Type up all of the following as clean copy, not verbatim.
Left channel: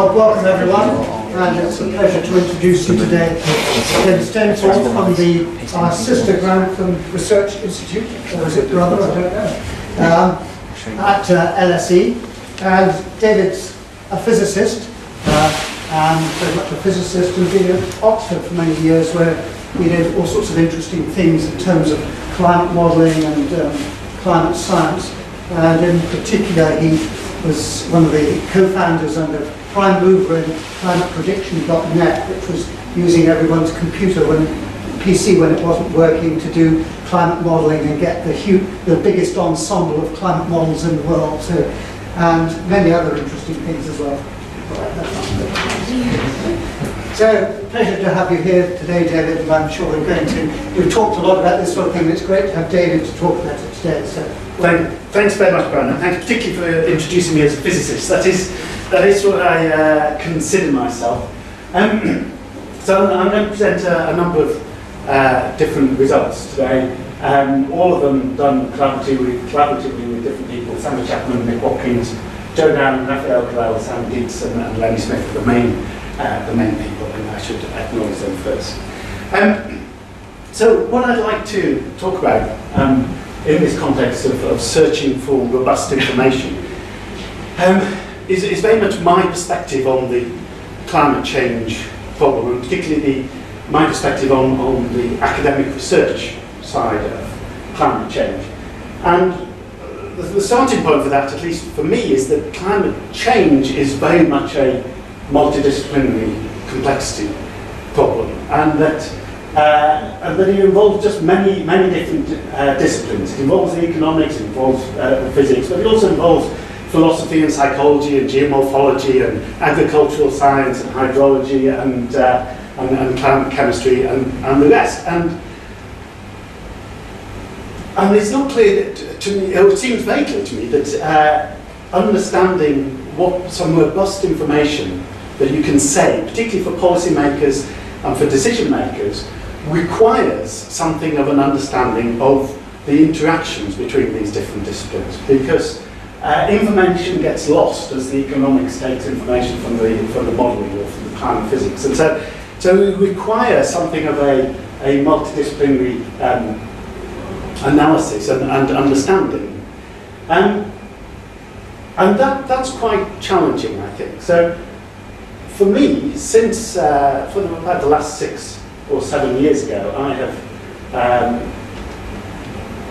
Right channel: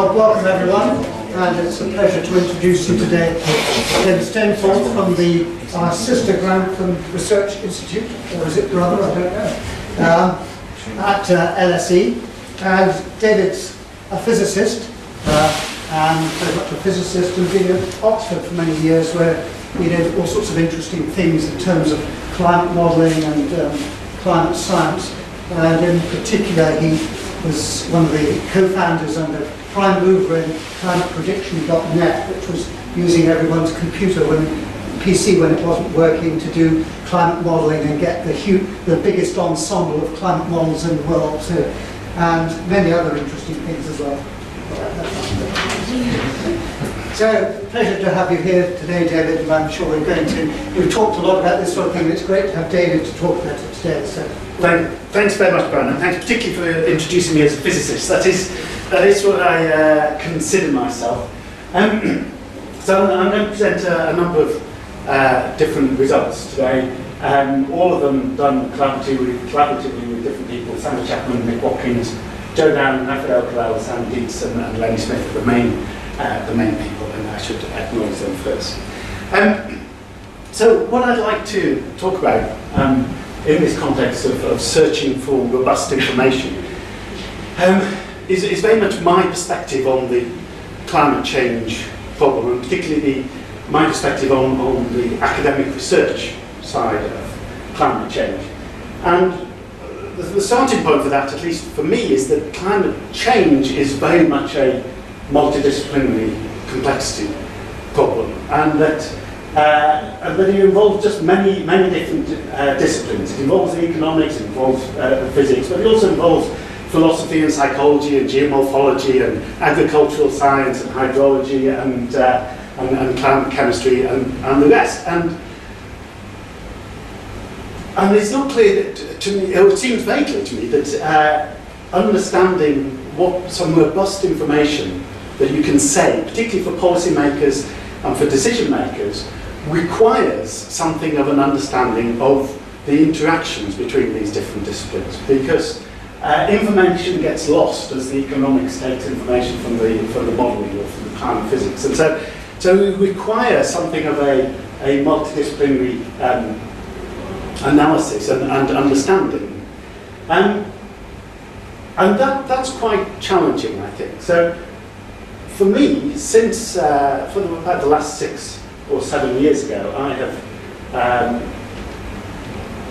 Welcome everyone, and it's a pleasure to introduce you today David Stainforth from our sister Grantham Research Institute, or is it brother, I don't know, at LSE. And David's a physicist, and very much a physicist, and been at Oxford for many years, where he did all sorts of interesting things in terms of climate modelling and climate science. And in particular, he was one of the co-founders and a prime mover in climateprediction.net, which was using everyone's computer PC when it wasn't working to do climate modelling and get the biggest ensemble of climate models in the world too, and many other interesting things as well. So, pleasure to have you here today, David, and I'm sure we've talked a lot about this sort of thing, and it's great to have David to talk about it today. So, thanks very much, Brian, and thanks particularly for introducing me as a physicist. That is what I consider myself. So I'm going to present a number of different results today, all of them done collaboratively with different people: Sandra Chapman, Nick Watkins, Joe Down, Raphael Carell, Sam Dietz, and Lenny Smith are the main people, and I should acknowledge them first. So what I'd like to talk about in this context of searching for robust information is very much my perspective on the climate change problem, and particularly my perspective on the academic research side of climate change. And the starting point for that, at least for me, is that climate change is very much a multidisciplinary complexity problem, and that it involves just many different disciplines. It involves the economics, it involves the physics, but it also involves philosophy and psychology and geomorphology and agricultural science and hydrology and climate chemistry and the rest. And it's not clear to me, or it seems very clear to me, that understanding what some robust information that you can say, particularly for policymakers and for decision makers, requires something of an understanding of the interactions between these different disciplines, because information gets lost as the economics takes information from the modelling or from the climate physics, and so we require something of a multidisciplinary analysis and understanding, and that's quite challenging, I think. So for me, since for about the last 6 or 7 years ago, I have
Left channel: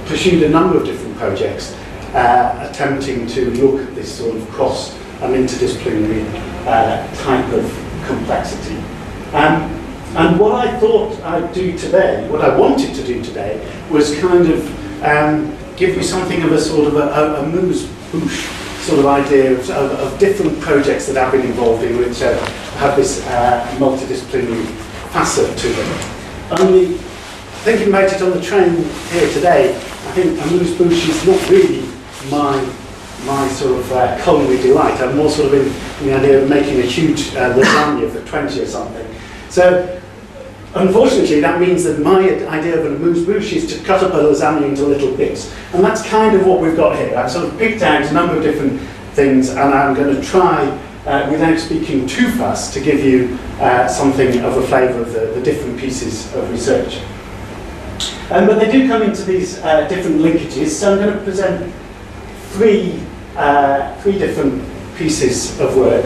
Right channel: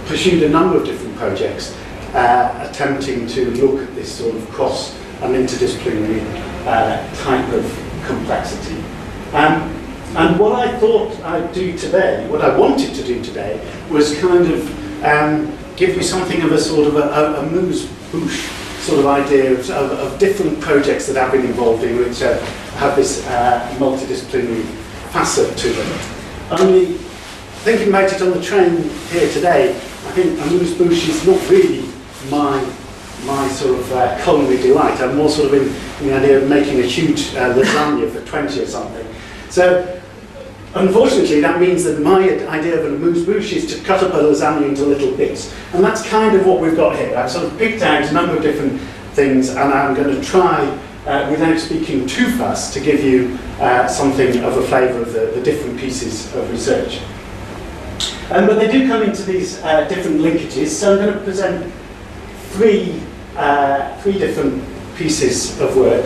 pursued a number of different projects attempting to look at this sort of cross and interdisciplinary type of complexity. And what I thought I'd do today, what I wanted to do today, was kind of give you something of a sort of a moose-bouche sort of idea of different projects that I've been involved in, which have this multidisciplinary facet to them. Only thinking about it on the train here today, I think a moose-bouche is not really my sort of culinary delight. I'm more sort of in the idea of making a huge lasagna for 20 or something. So, unfortunately, that means that my idea of a amuse-bouche is to cut up a lasagna into little bits. And that's kind of what we've got here. I've sort of picked out a number of different things, and I'm going to try, without speaking too fast, to give you something of a flavour of the different pieces of research. But they do come into these different linkages, so I'm going to present three different pieces of work.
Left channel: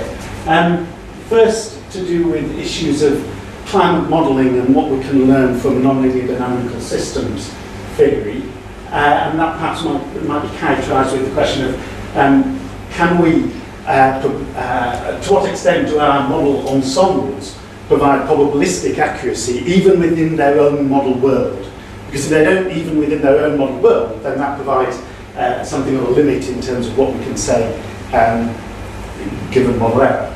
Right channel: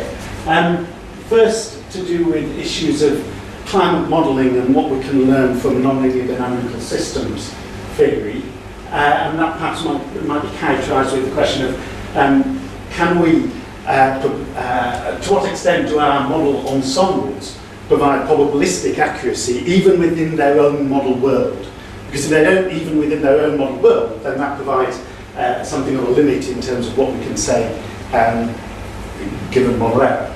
First, to do with issues of climate modelling and what we can learn from nonlinear dynamical systems theory, and that perhaps might be characterised with the question of can we, to what extent do our model ensembles provide probabilistic accuracy even within their own model world? Because if they don't even within their own model world, then that provides something of a limit in terms of what we can say given model error.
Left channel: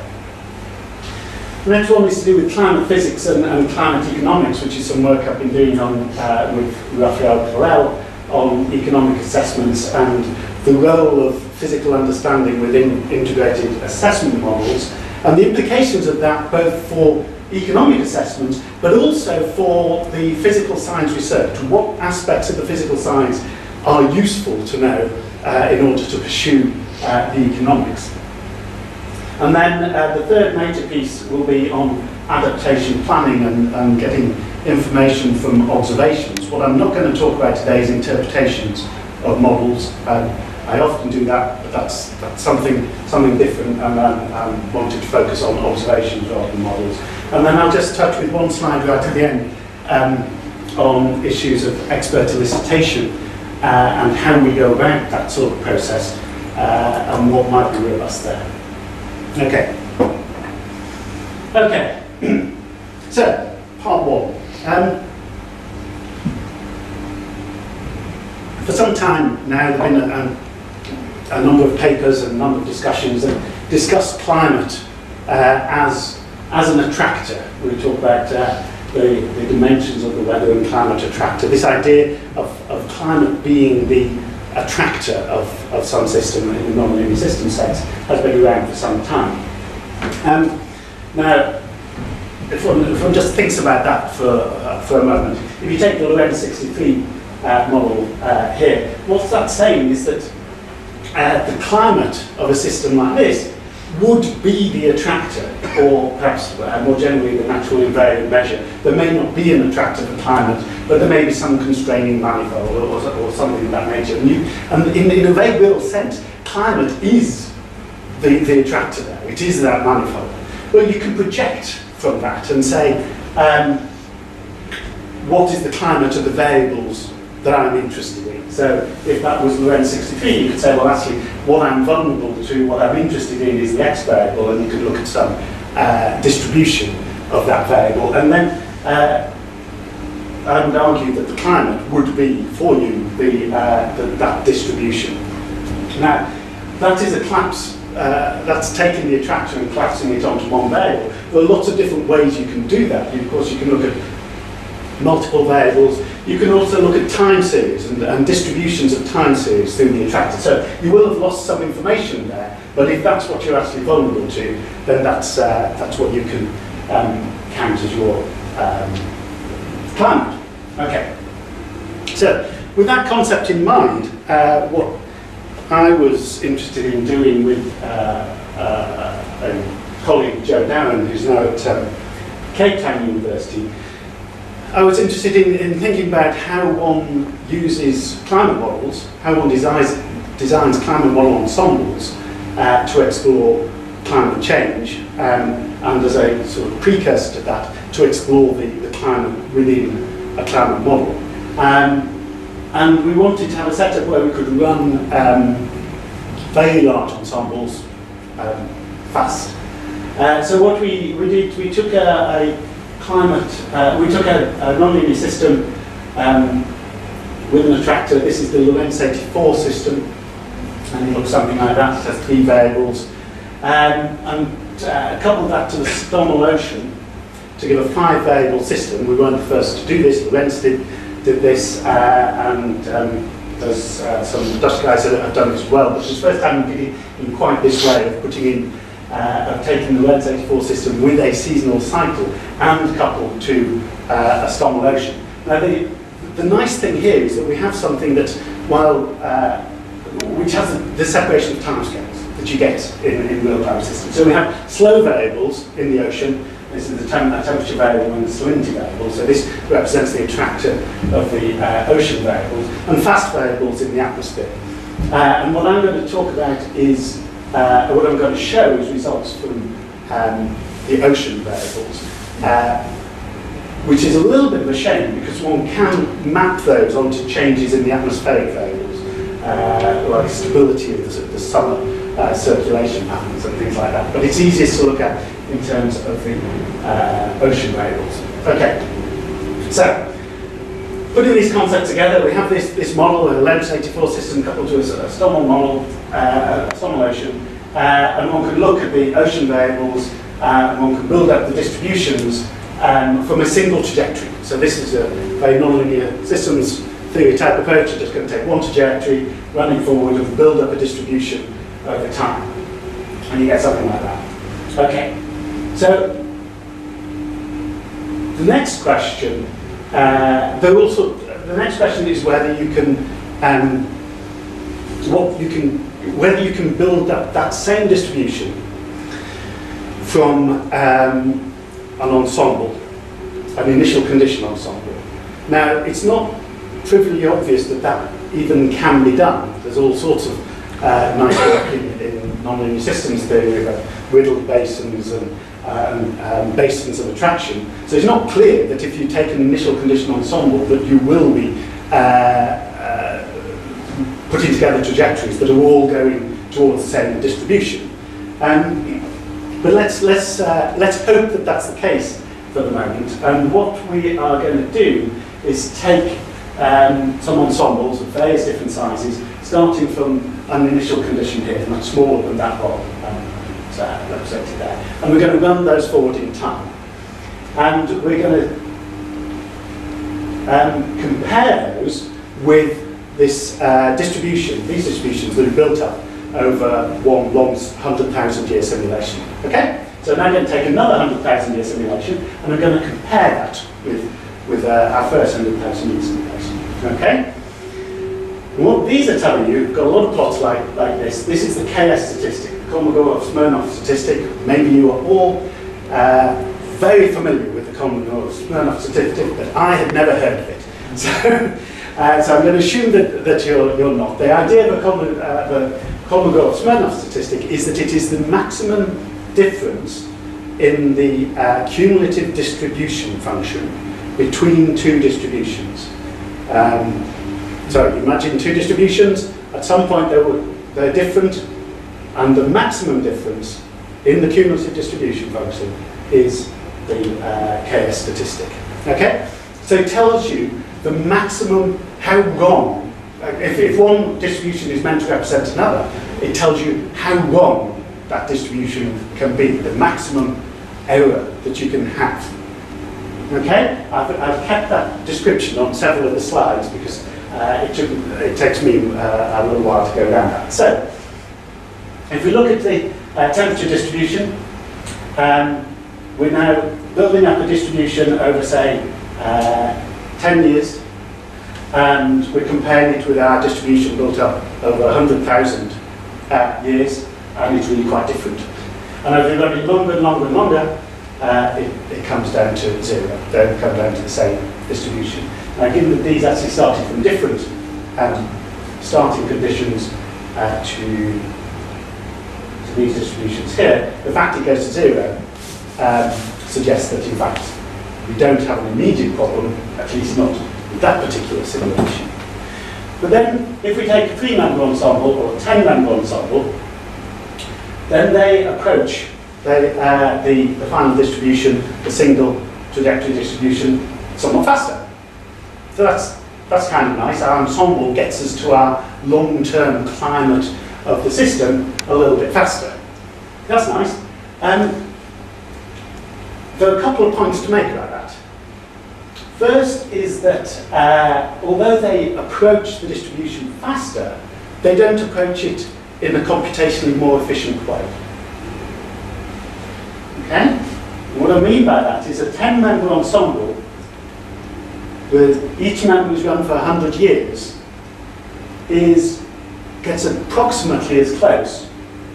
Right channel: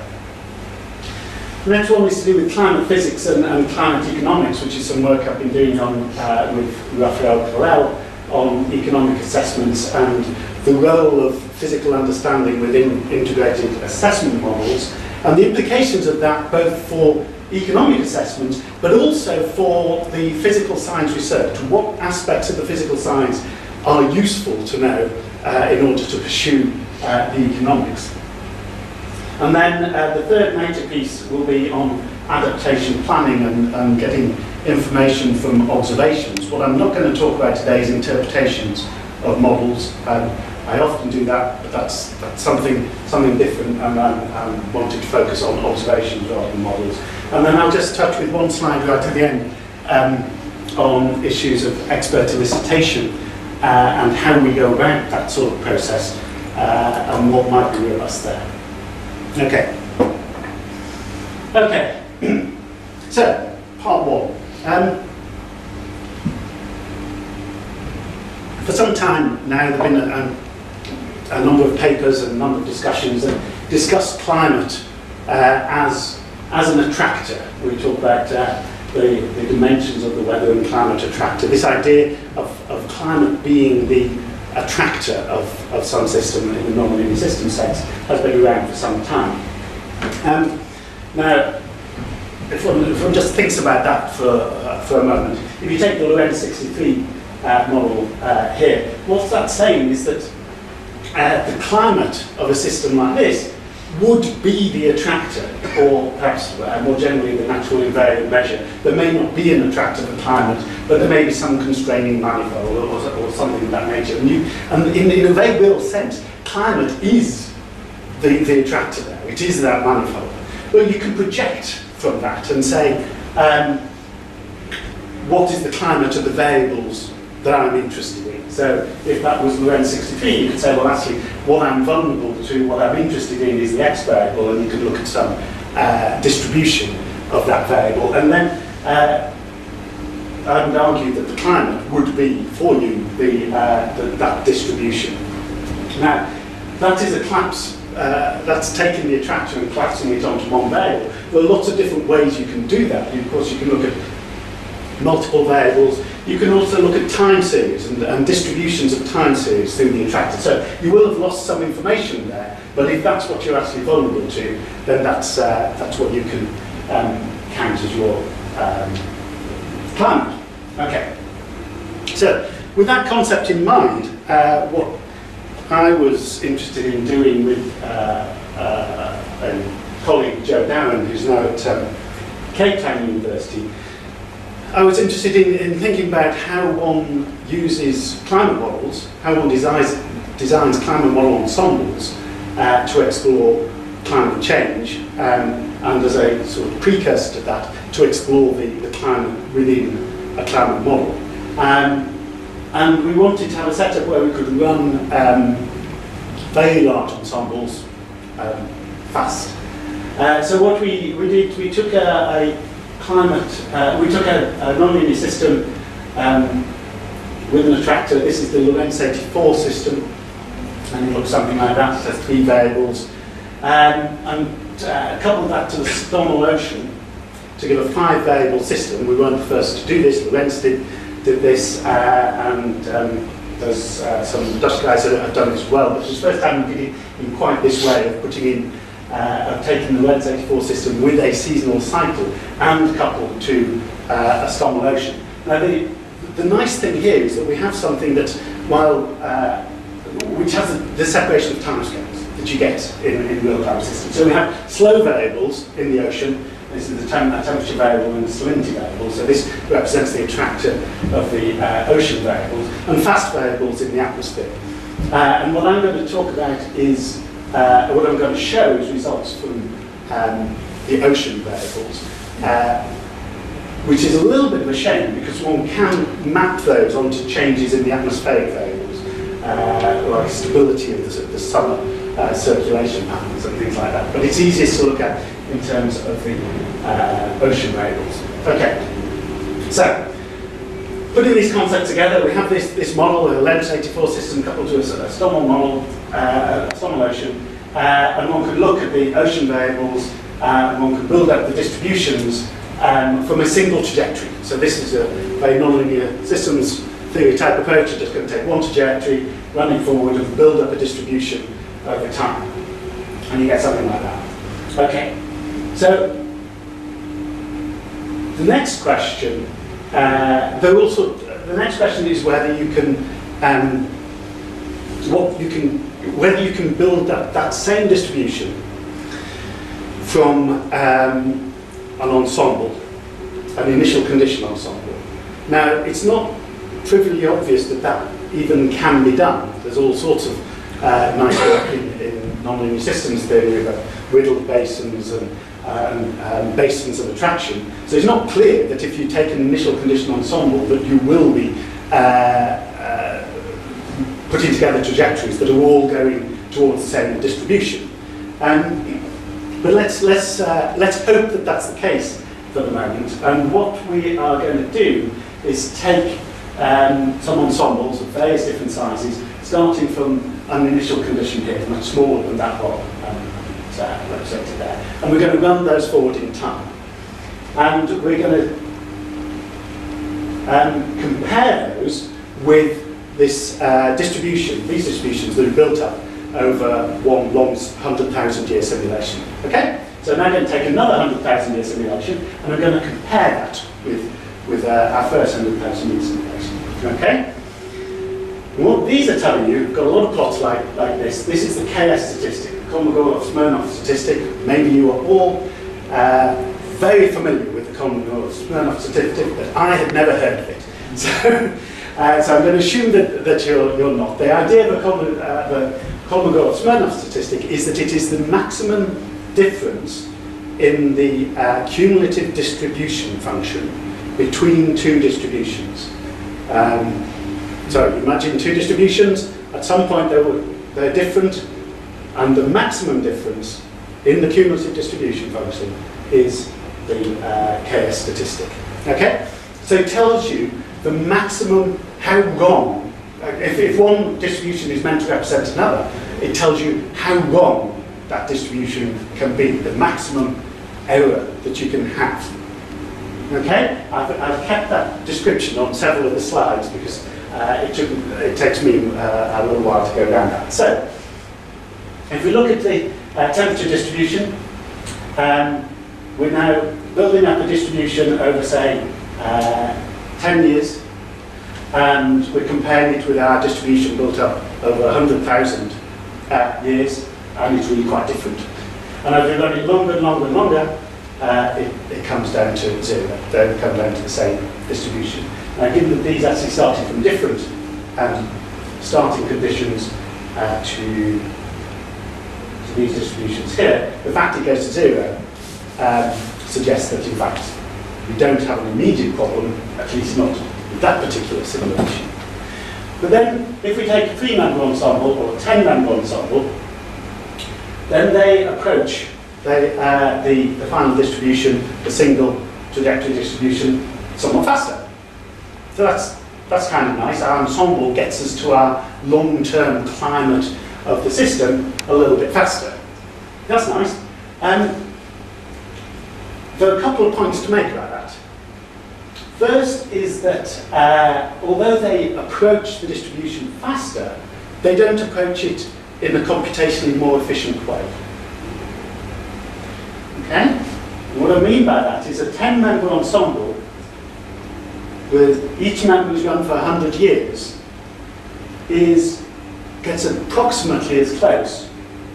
The next one is to do with climate physics and climate economics, which is some work I've been doing on with Raphael Carell on economic assessments and the role of physical understanding within integrated assessment models, and the implications of that both for economic assessments but also for the physical science research. What aspects of the physical science are useful to know in order to pursue the economics. And then the third major piece will be on adaptation planning and getting information from observations. What I'm not going to talk about today is interpretations of models. I often do that, but that's something different, and I wanted to focus on observations rather than models. And then I'll just touch with one slide right at the end on issues of expert elicitation and how we go about that sort of process and what might be robust there. Okay. Okay. So, part one. For some time now, there have been a number of papers and a number of discussions that discuss climate as an attractor. We talk about the dimensions of the weather and climate attractor. This idea of climate being the attractor of some system in the nonlinear system sense has been around for some time. Now, if one just thinks about that for a moment, if you take the Lorentz 63 model here, what's that saying is that the climate of a system like this would be the attractor, or perhaps more generally the natural invariant measure. There may not be an attractor for climate, but there may be some constraining manifold or something of that nature. And in a very real sense, climate is the attractor there. It is that manifold. Well, you can project from that and say, what is the climate of the variables that I'm interested in? So if that was Lorentz 63, you could say, well, actually, what I'm vulnerable to, what I'm interested in is the x variable, and you could look at some distribution of that variable. And then I would argue that the climate would be, for you, that distribution. Now, that is a collapse. That's taking the attractor and collapsing it onto one variable. There are lots of different ways you can do that. Of course, you can look at multiple variables. You can also look at time series and distributions of time series through the attractor. So you will have lost some information there, but if that's what you're actually vulnerable to, then that's what you can count as your climate. Okay. So with that concept in mind, what I was interested in doing with a colleague, Joe Darren, who's now at Cape Town University, I was interested in thinking about how one uses climate models, how one designs climate model ensembles to explore climate change, and as a sort of precursor to that, to explore the climate within a climate model. And we wanted to have a setup where we could run very large ensembles fast. So what we did, we took a nonlinear system with an attractor. This is the Lorentz 84 system, and it looks something like that. It has 3 variables, and coupled that to the Stommel ocean to give a 5-variable system. We weren't the first to do this. Lorentz did this, and there's some Dutch guys that have done this as well. But it was the first time we did it in quite this way of putting in. Of taking the Lorentz 84 system with a seasonal cycle and coupled to a Stommel ocean. Now the nice thing here is that we have something that, which has the separation of timescales that you get in real-time systems. So we have slow variables in the ocean. This is the temperature variable and the salinity variable. So this represents the attractor of the ocean variables, and fast variables in the atmosphere. And what I'm going to talk about is what I'm going to show is results from the ocean variables, which is a little bit of a shame because one can map those onto changes in the atmospheric variables, like stability of the summer circulation patterns and things like that. But it's easiest to look at in terms of the ocean variables. Okay, so putting these concepts together, we have this model, a Lorentz 84 system coupled to a Stommel model, Stommel ocean, and one could look at the ocean variables, and one could build up the distributions from a single trajectory. So this is a very nonlinear systems theory type approach. You're just going to take one trajectory, run it forward, and build up a distribution over time, and you get something like that. Okay, so the next question. The next question is whether you can, whether you can build up that same distribution from an ensemble, an initial condition ensemble. Now, it's not trivially obvious that that even can be done. There's all sorts of nice work in nonlinear systems theory about riddled basins and basins of attraction. So it's not clear that if you take an initial condition ensemble that you will be putting together trajectories that are all going towards the same distribution. But let's hope that that's the case for the moment. And what we are going to do is take some ensembles of various different sizes, starting from an initial condition here, much smaller than that one represented there. And we're going to run those forward in time. And we're going to compare those with this distribution, these distributions that are built up over one long 100,000-year simulation. Okay? So now I'm going to take another 100,000-year simulation, and I'm going to compare that with our first 100,000-year simulation. Okay? And what these are telling you, we've got a lot of plots like this. This is the KS statistic, the Kolmogorov-Smirnov statistic. Maybe you are all very familiar with the Kolmogorov-Smirnov statistic, but I had never heard of it. So I'm going to assume that you're not. The idea of the Kolmogorov-Smirnov statistic is that it is the maximum difference in the cumulative distribution function between two distributions. So imagine two distributions, at some point they're different, and the maximum difference in the cumulative distribution function is the KS statistic. Okay? So it tells you the maximum, how wrong, if one distribution is meant to represent another, it tells you how wrong that distribution can be, the maximum error that you can have. Okay? I've kept that description on several of the slides because it takes me a little while to go down that. So, if we look at the temperature distribution, we're now building up a distribution over, say, 10 years, and we're comparing it with our distribution built up over 100,000 years, and it's really quite different. And as we run it longer and longer and longer, it comes down to zero. They come down to the same distribution. Now, given that these actually started from different starting conditions to these distributions here, the fact it goes to zero suggests that, in fact, we don't have an immediate problem, at least not with that particular simulation. But then, if we take a 3-member ensemble or a 10-member ensemble, then they approach the final distribution, the single trajectory distribution, somewhat faster. So that's kind of nice. Our ensemble gets us to our long-term climate of the system a little bit faster. That's nice. There are a couple of points to make about that. First is that although they approach the distribution faster, they don't approach it in a computationally more efficient way. Okay? And what I mean by that is a 10-member ensemble with each member who's run for 100 years gets approximately as close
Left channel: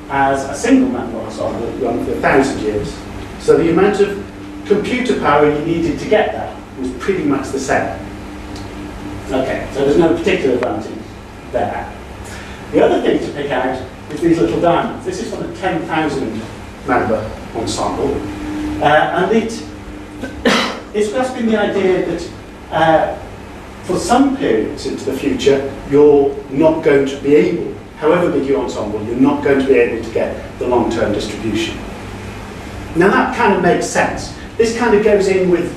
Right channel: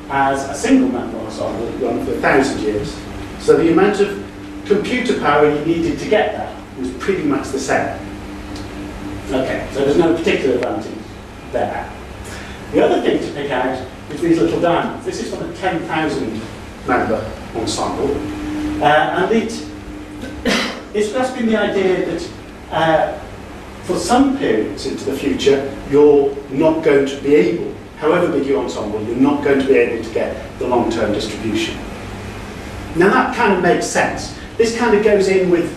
as a single-member ensemble run for 1,000 years. So the amount of computer power you needed to get that was pretty much the same. Okay, so there's no particular advantage there. The other thing to pick out is these little diamonds. This is from a 10,000-member ensemble, and it's grasping the idea that for some periods into the future, you're not going to be able, however big your ensemble, you're not going to be able to get the long-term distribution. Now that kind of makes sense. This kind of goes in with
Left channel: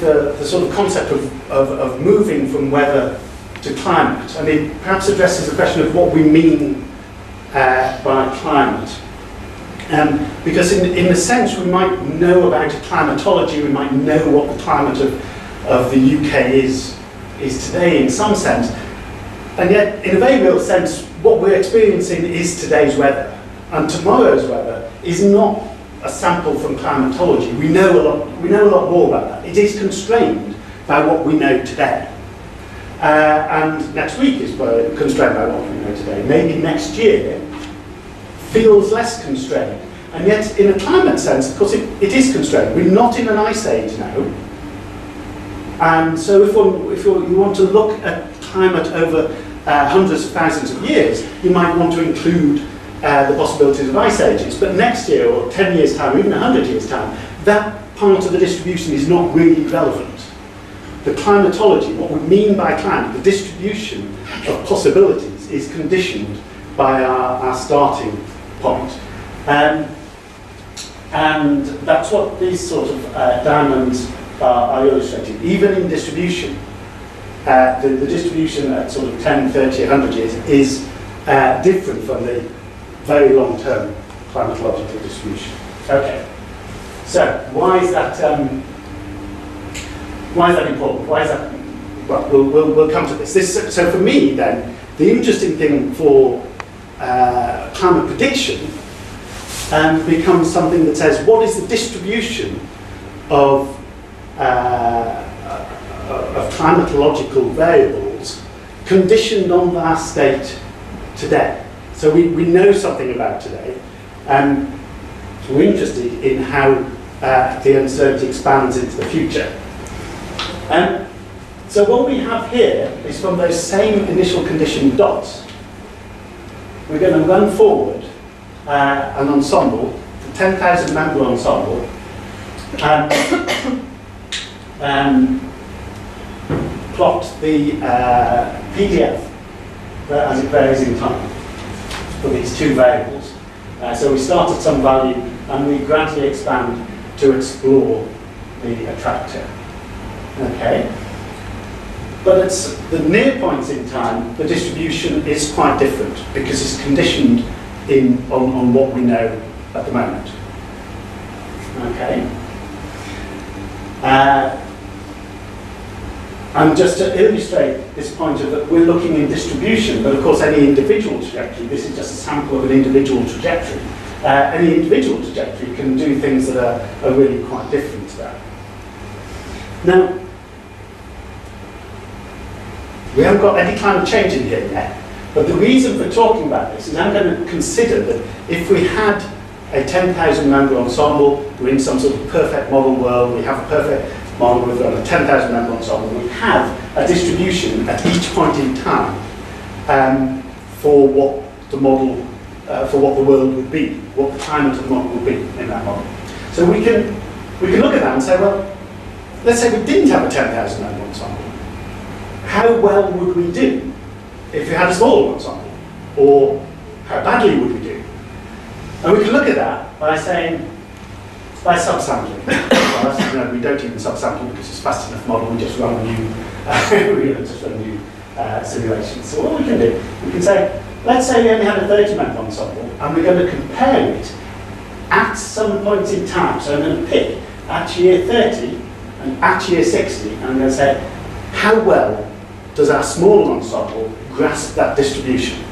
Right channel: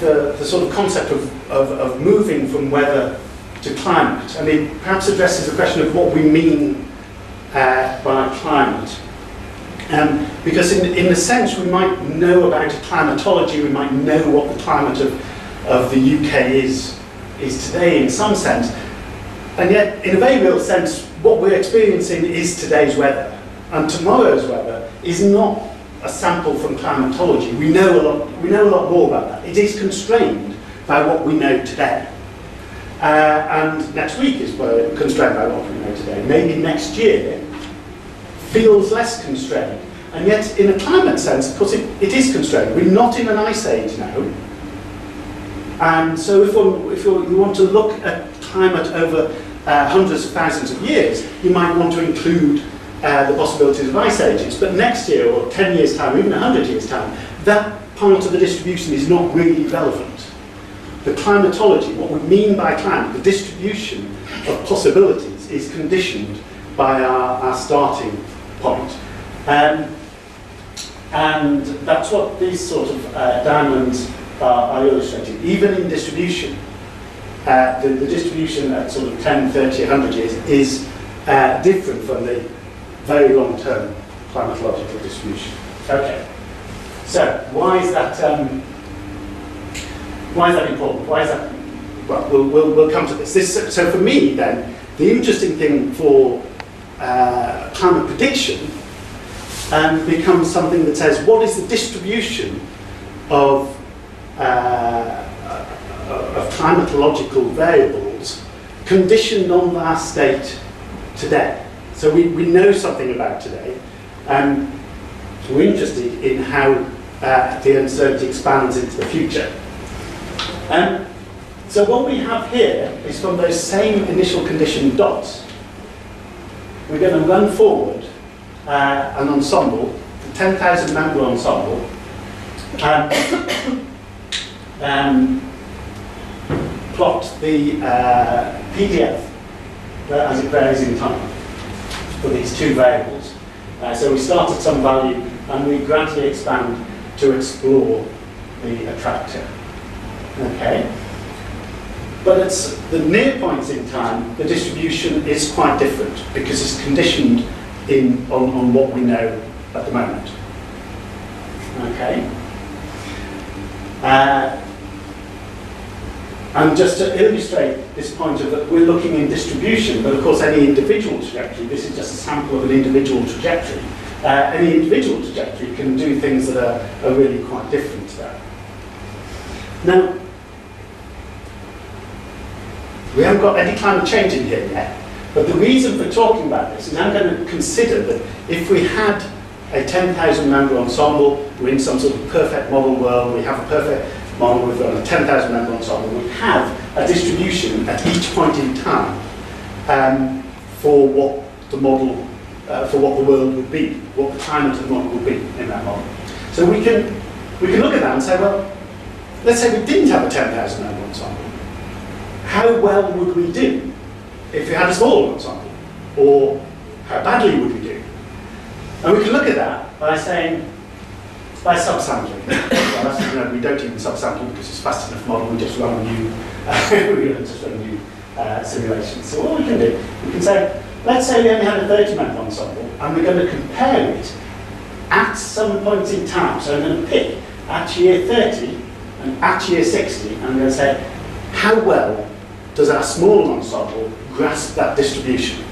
the sort of concept of moving from weather to climate, and it perhaps addresses the question of what we mean by climate. Because in a sense we might know about climatology, we might know what the climate of the UK is today in some sense, and yet in a very real sense what we're experiencing is today's weather, and tomorrow's weather is not a sample from climatology. We know a lot more about that. It is constrained by what we know today. And next week is constrained by what we know today. Maybe next year feels less constrained. And yet, in a climate sense, of course, it is constrained. We're not in an ice age now. And so if you want to look at climate over hundreds of thousands of years, you might want to include the possibilities of ice ages. But next year, or 10 years' time, or even 100 years' time, that part of the distribution is not really relevant. The climatology, what we mean by climate, the distribution of possibilities, is conditioned by our starting point. And that's what these sort of diamonds are illustrating. Even in distribution, the distribution at sort of 10, 30, 100 years is different from the very long-term climatological distribution. Okay, so why is that important? Why is that? Well, we'll come to this. So for me, then, the interesting thing for climate prediction becomes something that says, what is the distribution of climatological variables conditioned on our state today? So we know something about today. We're interested in how the uncertainty expands into the future. So what we have here is from those same initial condition dots, we're going to run forward an ensemble, the 10,000 member ensemble, plot the PDF as it varies in time for these two variables. So we start at some value and we gradually expand to explore the attractor. Okay? But at the near points in time, the distribution is quite different because it's conditioned on what we know at the moment. Okay? And just to illustrate this point of that we're looking in distribution, but of course any individual trajectory, this is just a sample of an individual trajectory. Any individual trajectory can do things that are really quite different to that. Now, we haven't got any climate change in here yet, but the reason for talking about this is I'm going to consider that if we had a 10,000 member ensemble, we're in some sort of perfect model world, we have a perfect model with a 10,000 member ensemble, we have a distribution at each point in time for what the model, for what the world would be, what the climate of the model would be in that model. So we can look at that and say, well, let's say we didn't have a 10,000 member ensemble. How well would we do if we had a smaller ensemble? Or how badly would we do? And we can look at that by saying, by subsampling. Well, we don't even subsample because it's a fast enough model, we just run new, simulations. So what we can do, we can say, let's say we only had a 30-member ensemble, and we're going to compare it at some point in time. So I'm going to pick at year 30 and at year 60, and I'm going to say, how well does our small ensemble grasp that distribution?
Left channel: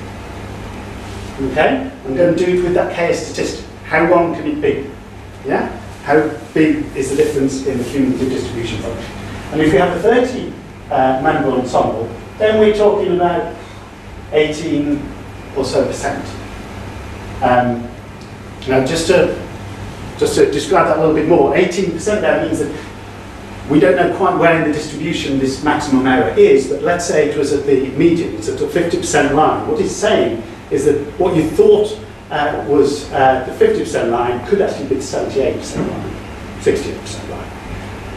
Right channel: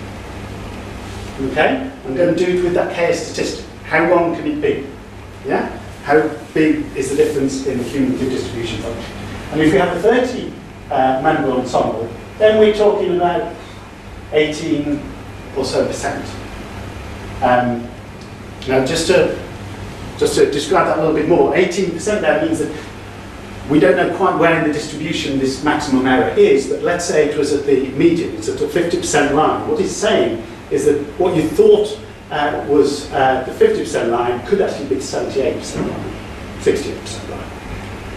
Okay? I'm going to do it with that K statistic. How long can it be? Yeah? How big is the difference in the cumulative distribution function? And if we have a 30-member ensemble, then we're talking about 18 or so %. Now, just to describe that a little bit more, 18% there means that we don't know quite where in the distribution this maximum error is, but let's say it was at the median, it's at the 50% line. What it's saying is that what you thought was the 50% line could actually be the 78% line, 68%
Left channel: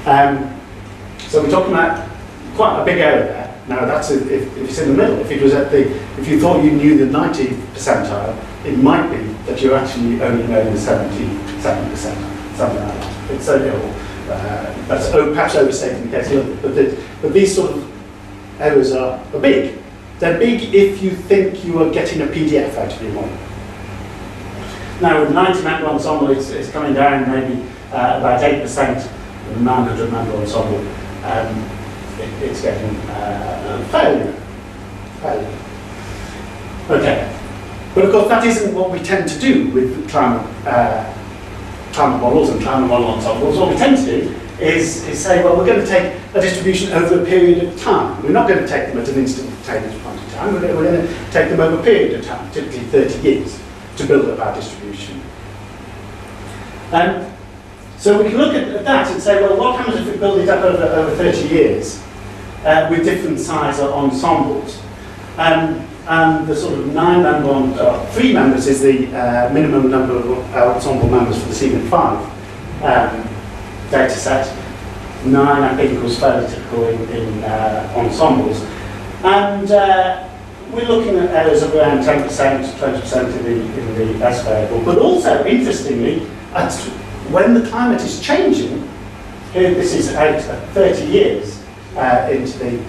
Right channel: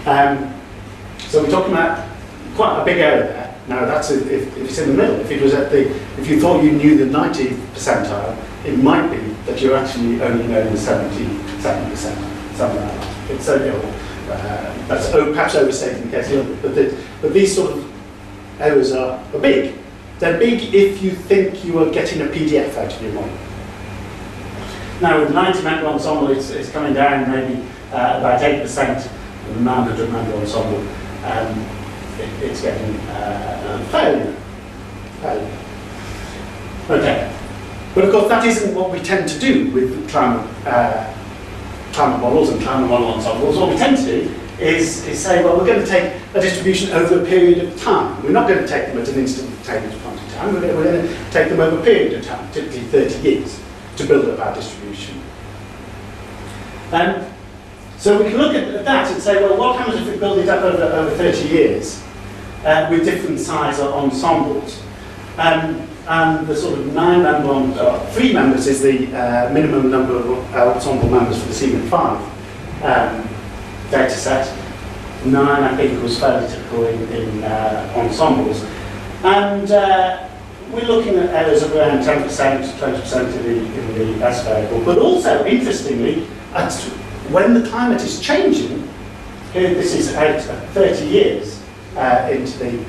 line. So we're talking about quite a big error there. Now that's if it's in the middle. If it was at the, if you thought you knew the 90th percentile, it might be that you're actually only knowing the 77%, something like that. It's so that's perhaps overstating the case a little bit, but these sort of errors are big. They're big if you think you are getting a PDF out of your model. Now with 90-member ensemble, it's coming down maybe about 8%. With a 900-member ensemble, it's getting fairly. Okay, but of course that isn't what we tend to do with climate models and climate model ensembles. What we tend to do is say, well, we're going to take a distribution over a period of time. We're not going to take them at an instantaneous point in time. We're going to take them over a period of time, typically 30 years, to build up our distribution. So we can look at that and say, well, what happens if we build it up over 30 years with different size ensembles? And the sort of 9-member, 3 members is the minimum number of ensemble members for the CMIT5 data set. 9, I think, was fairly typical in ensembles. And we're looking at errors of around 10% to 20% in the S variable. But also, interestingly, when the climate is changing, here this is out 30 years into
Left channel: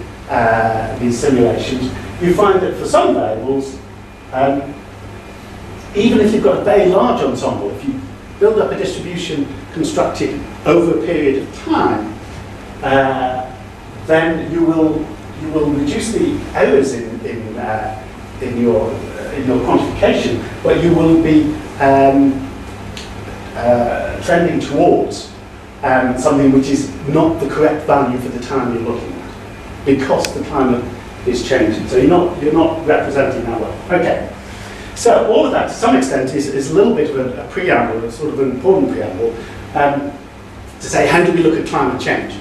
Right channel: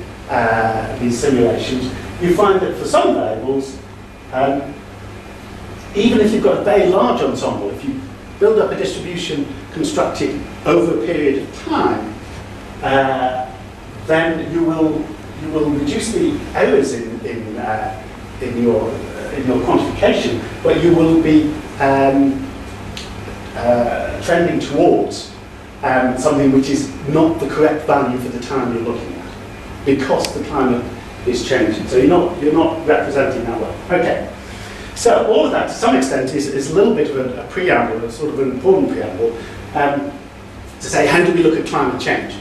these simulations, you find that for some variables, even if you've got a very large ensemble, if you build up a distribution constructed over a period of time, then you will reduce the errors in your quantification, but you will be trending towards something which is not the correct value for the time you're looking at, because the climate is changing. So you're not representing that well. Okay. So all of that, to some extent, is a little bit of a preamble, a sort of an important preamble, to say, how do we look at climate change?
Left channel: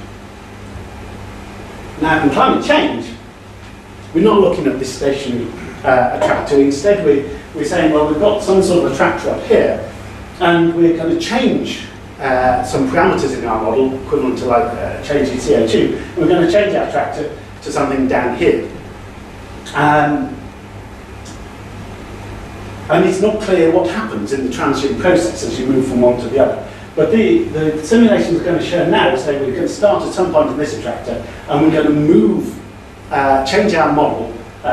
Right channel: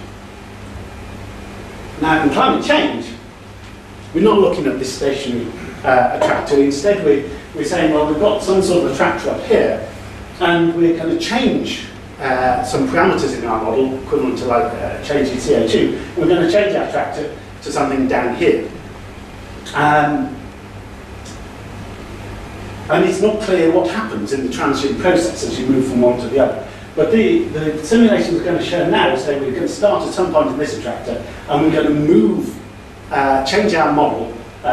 Now, in climate change, we're not looking at this stationary attractor. Instead, we're saying, well, we've got some sort of attractor up here, and we're going to change some parameters in our model, equivalent to like changing CO2. And we're going to change our attractor to something down here. And it's not clear what happens in the transient process as you move from one to the other. But the simulation is going to show now, say we're going to start at some point in this attractor, and we're going to move, change our model,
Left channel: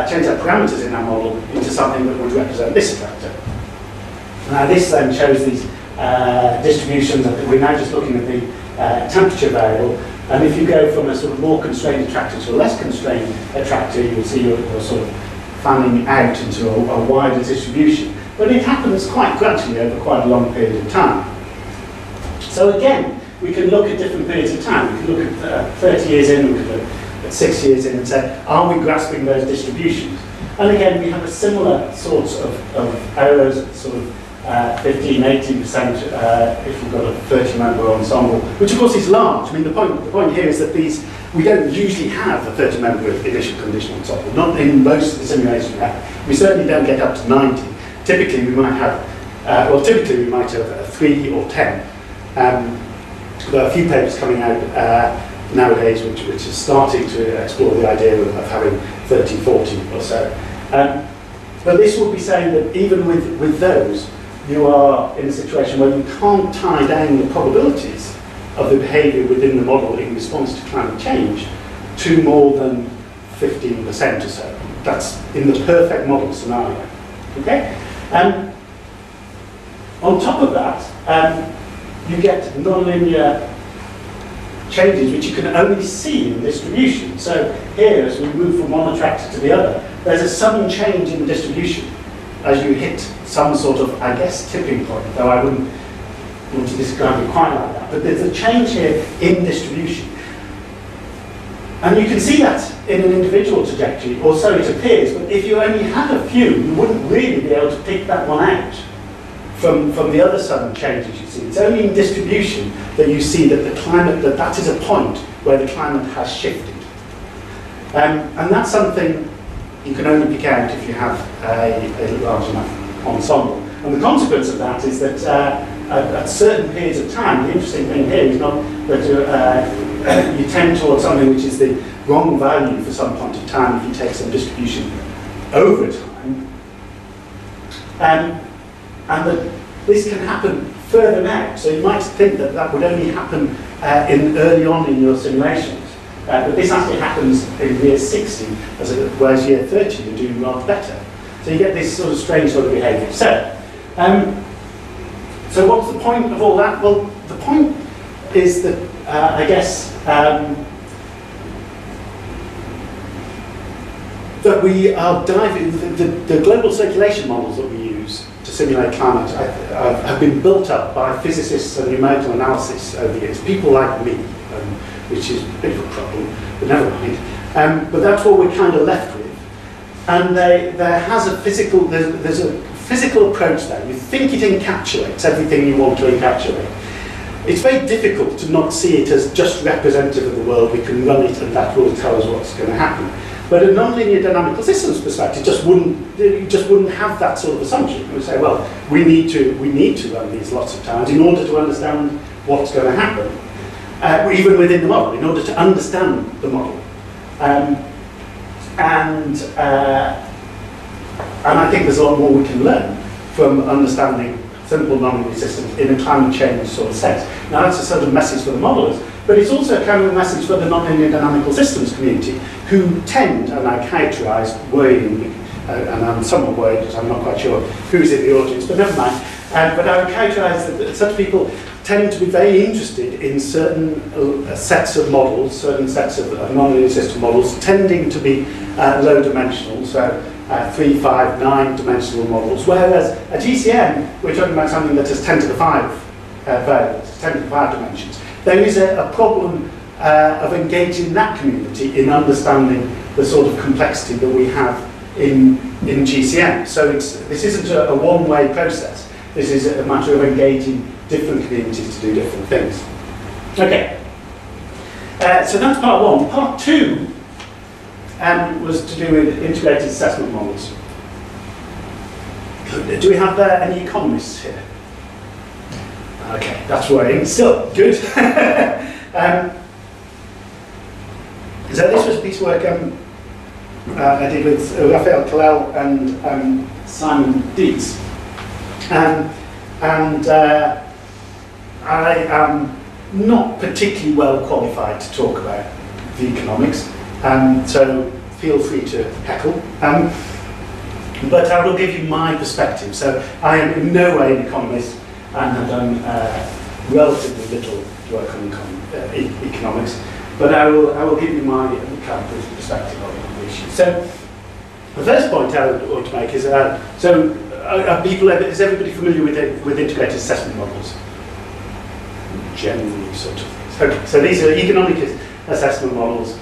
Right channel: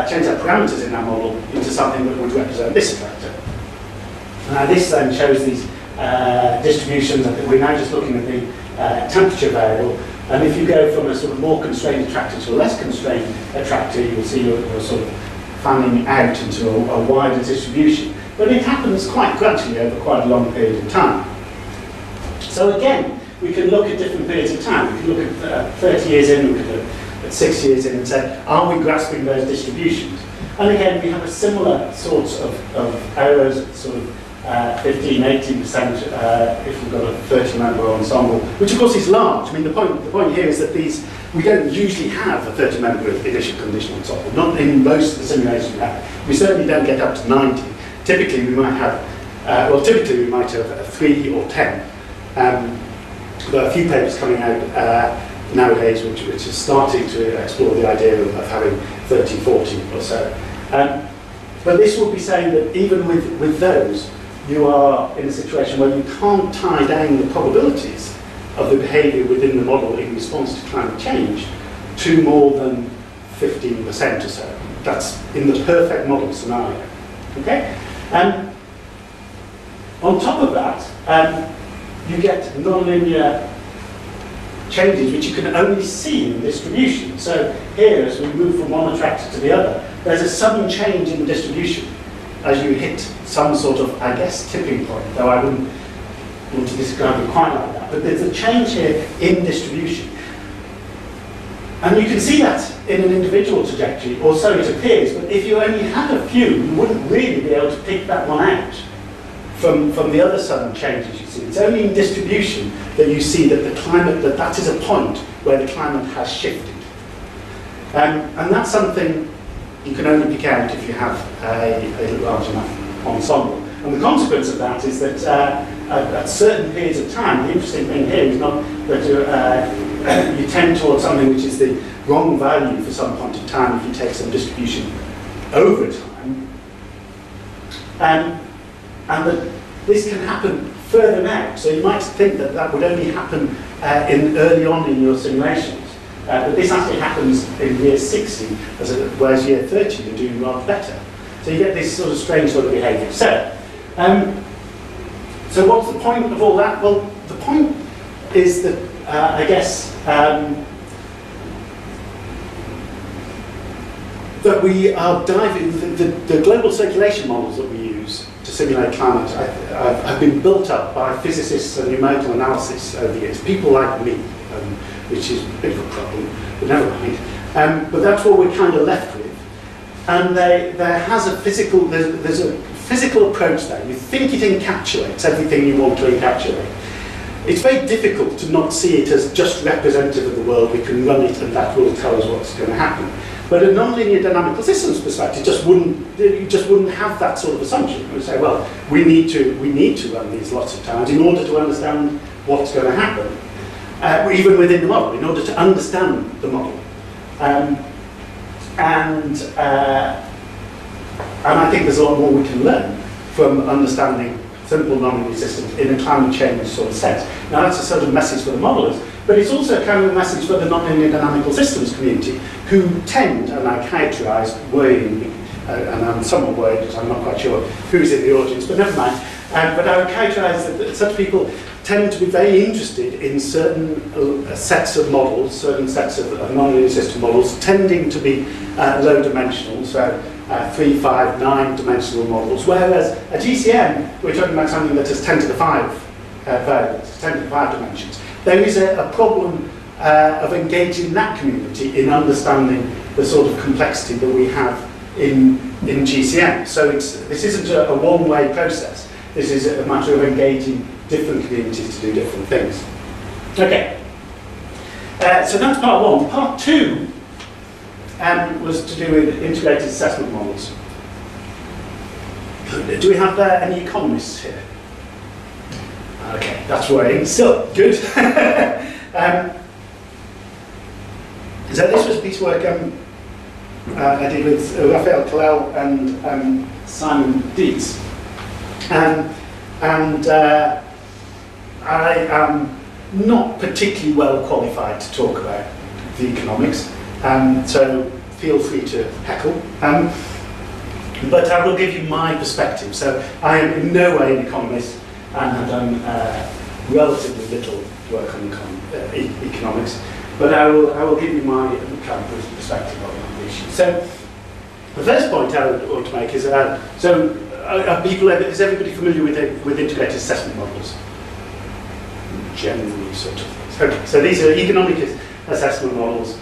change our parameters in our model into something that would represent this attractor. Now this then shows these distributions. We're now just looking at the temperature variable, and if you go from a sort of more constrained attractor to a less constrained attractor, you'll see you're sort of fanning out into a wider distribution. But it happens quite gradually over quite a long period of time. So again, we can look at different periods of time. We can look at 30 years in, we can look at 6 years in and say, are we grasping those distributions? And again, we have a similar sorts of errors, sort of 15, 18% if we've got a 30-member ensemble, which of course is large. I mean, the point here is that we don't usually have a 30-member initial conditional ensemble, not in most of the simulations we have. We certainly don't get up to 90. Typically, we might have, typically we might have 3 or 10. There are a few papers coming out nowadays which is starting to explore the idea of having 30, 40 or so. But this will be saying that even with those, you are in a situation where you can't tie down the probabilities of the behaviour within the model in response to climate change to more than 15% or so. That's in the perfect model scenario. Okay? On top of that, you get nonlinear changes which you can only see in distribution. So here, as we move from one attractor to the other, there's a sudden change in the distribution as you hit some sort of, I guess, tipping point, though I wouldn't want to describe it quite like that. But there's a change here in distribution. And you can see that in an individual trajectory, or so it appears, but if you only had a few, you wouldn't really be able to pick that one out from the other sudden changes you see. It's only in distribution that you see that the climate, that is a point where the climate has shifted. And that's something you can only pick out if you have a large enough ensemble. And the consequence of that is that at certain periods of time, the interesting thing here is not that you tend towards something which is the wrong value for some point of time if you take some distribution over time. And that this can happen further out. So you might think that that would only happen early on in your simulations. But this actually happens in year 60, whereas year 30 you're doing rather better. So you get this sort of strange sort of behaviour. So what's the point of all that? Well, the point is that, I guess, that we are diving, the global circulation models that we use to simulate climate have been built up by physicists and numerical analysis over the years, people like me, which is a bit of a problem, but never mind. But that's what we're kind of left with. And there has a physical, there's a physical approach there, you think it encapsulates everything you want to encapsulate. It's very difficult to not see it as just representative of the world. We can run it and that will tell us what's going to happen. But a nonlinear dynamical systems perspective you just wouldn't have that sort of assumption. You would say, well, we need to run these lots of times in order to understand what's going to happen, even within the model, in order to understand the model. And I think there's a lot more we can learn from understanding simple nonlinear systems in a climate change sort of sense. Now that's a sort of message for the modelers, but it's also kind of a message for the nonlinear dynamical systems community, who tend, and I characterise worryingly, and I'm somewhat worried because I'm not quite sure who's in the audience, but never mind. But I would characterise that such people tend to be very interested in certain sets of models, certain sets of nonlinear system models, tending to be low dimensional, so 3, 5, 9 dimensional models, whereas a GCM, we're talking about something that has 10 to the 5 variables, 10 to the 5 dimensions. There is a problem of engaging that community in understanding the sort of complexity that we have in GCM. So this isn't a one-way process. This is a matter of engaging different communities to do different things. Okay, so that's part one. Part two was to do with integrated assessment models. Do we have any economists here? Okay, that's worrying. Still, good. So this was a piece of work I did with Raphael Kalel and Simon Dietz. I am not particularly well qualified to talk about the economics, so feel free to heckle. But I will give you my perspective. So I am in no way an economist and have done relatively little work on economics, but I will give you my kind of perspective on the issue. So the first point I want to make is, is everybody familiar with integrated assessment models? Generally, sort of things. Okay, so these are economic assessment models.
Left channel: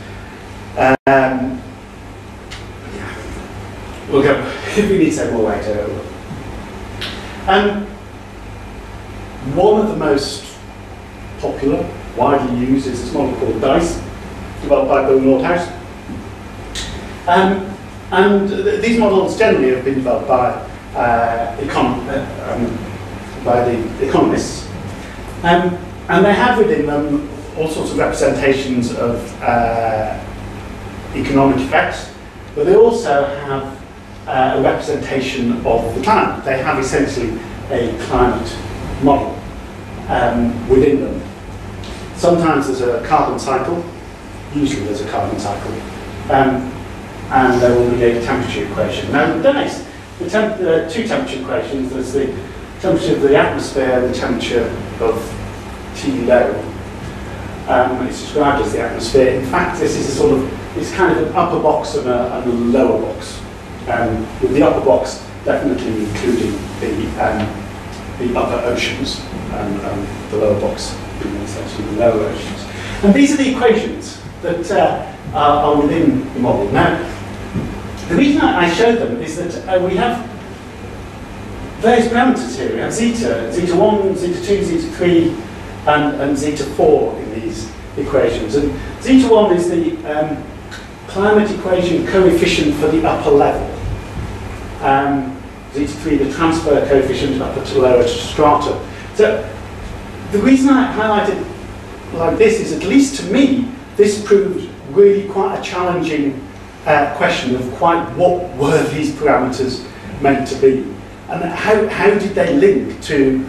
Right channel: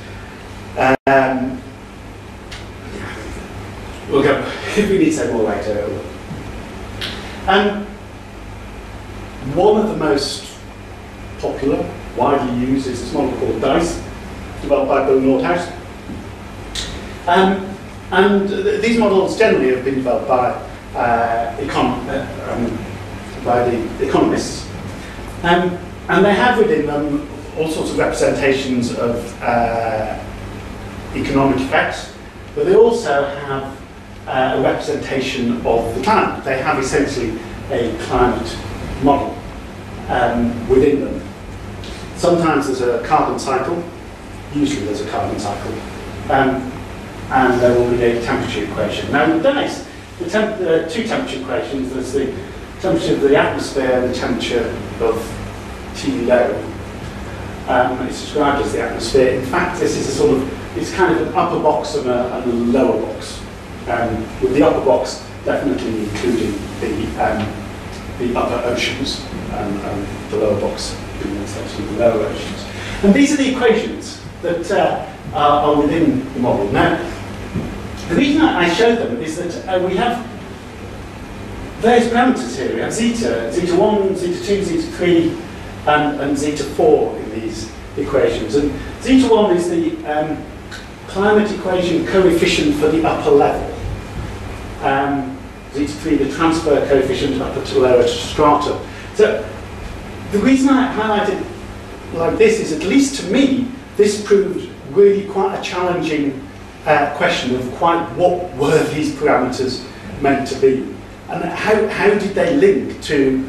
We'll go, if we need to say more later. One of the most popular, widely used, is this model called DICE, developed by Bill Nordhaus. And these models generally have been developed by the economists. And they have within them all sorts of representations of economic effects, but they also have a representation of the climate. They have essentially a climate model within them. Sometimes there's a carbon cycle, usually there's a carbon cycle, and there will be a temperature equation. Now, nice. The two temperature equations, there's the temperature of the atmosphere and the temperature of T low. It's described as the atmosphere. In fact, this is a sort of, it's kind of an upper box and a lower box. With the upper box definitely including the upper oceans, and the lower box being essentially the lower oceans. And these are the equations that are within the model. Now, the reason I show them is that we have various parameters here. We have zeta, zeta1, zeta2, zeta3, and zeta4 in these equations. And zeta1 is the climate equation coefficient for the upper level. Zeta3, the transfer coefficient upper to lower strata. So the reason I highlight it like this is, at least to me, this proved really quite a challenging question of quite what were these parameters meant to be, and how did they link to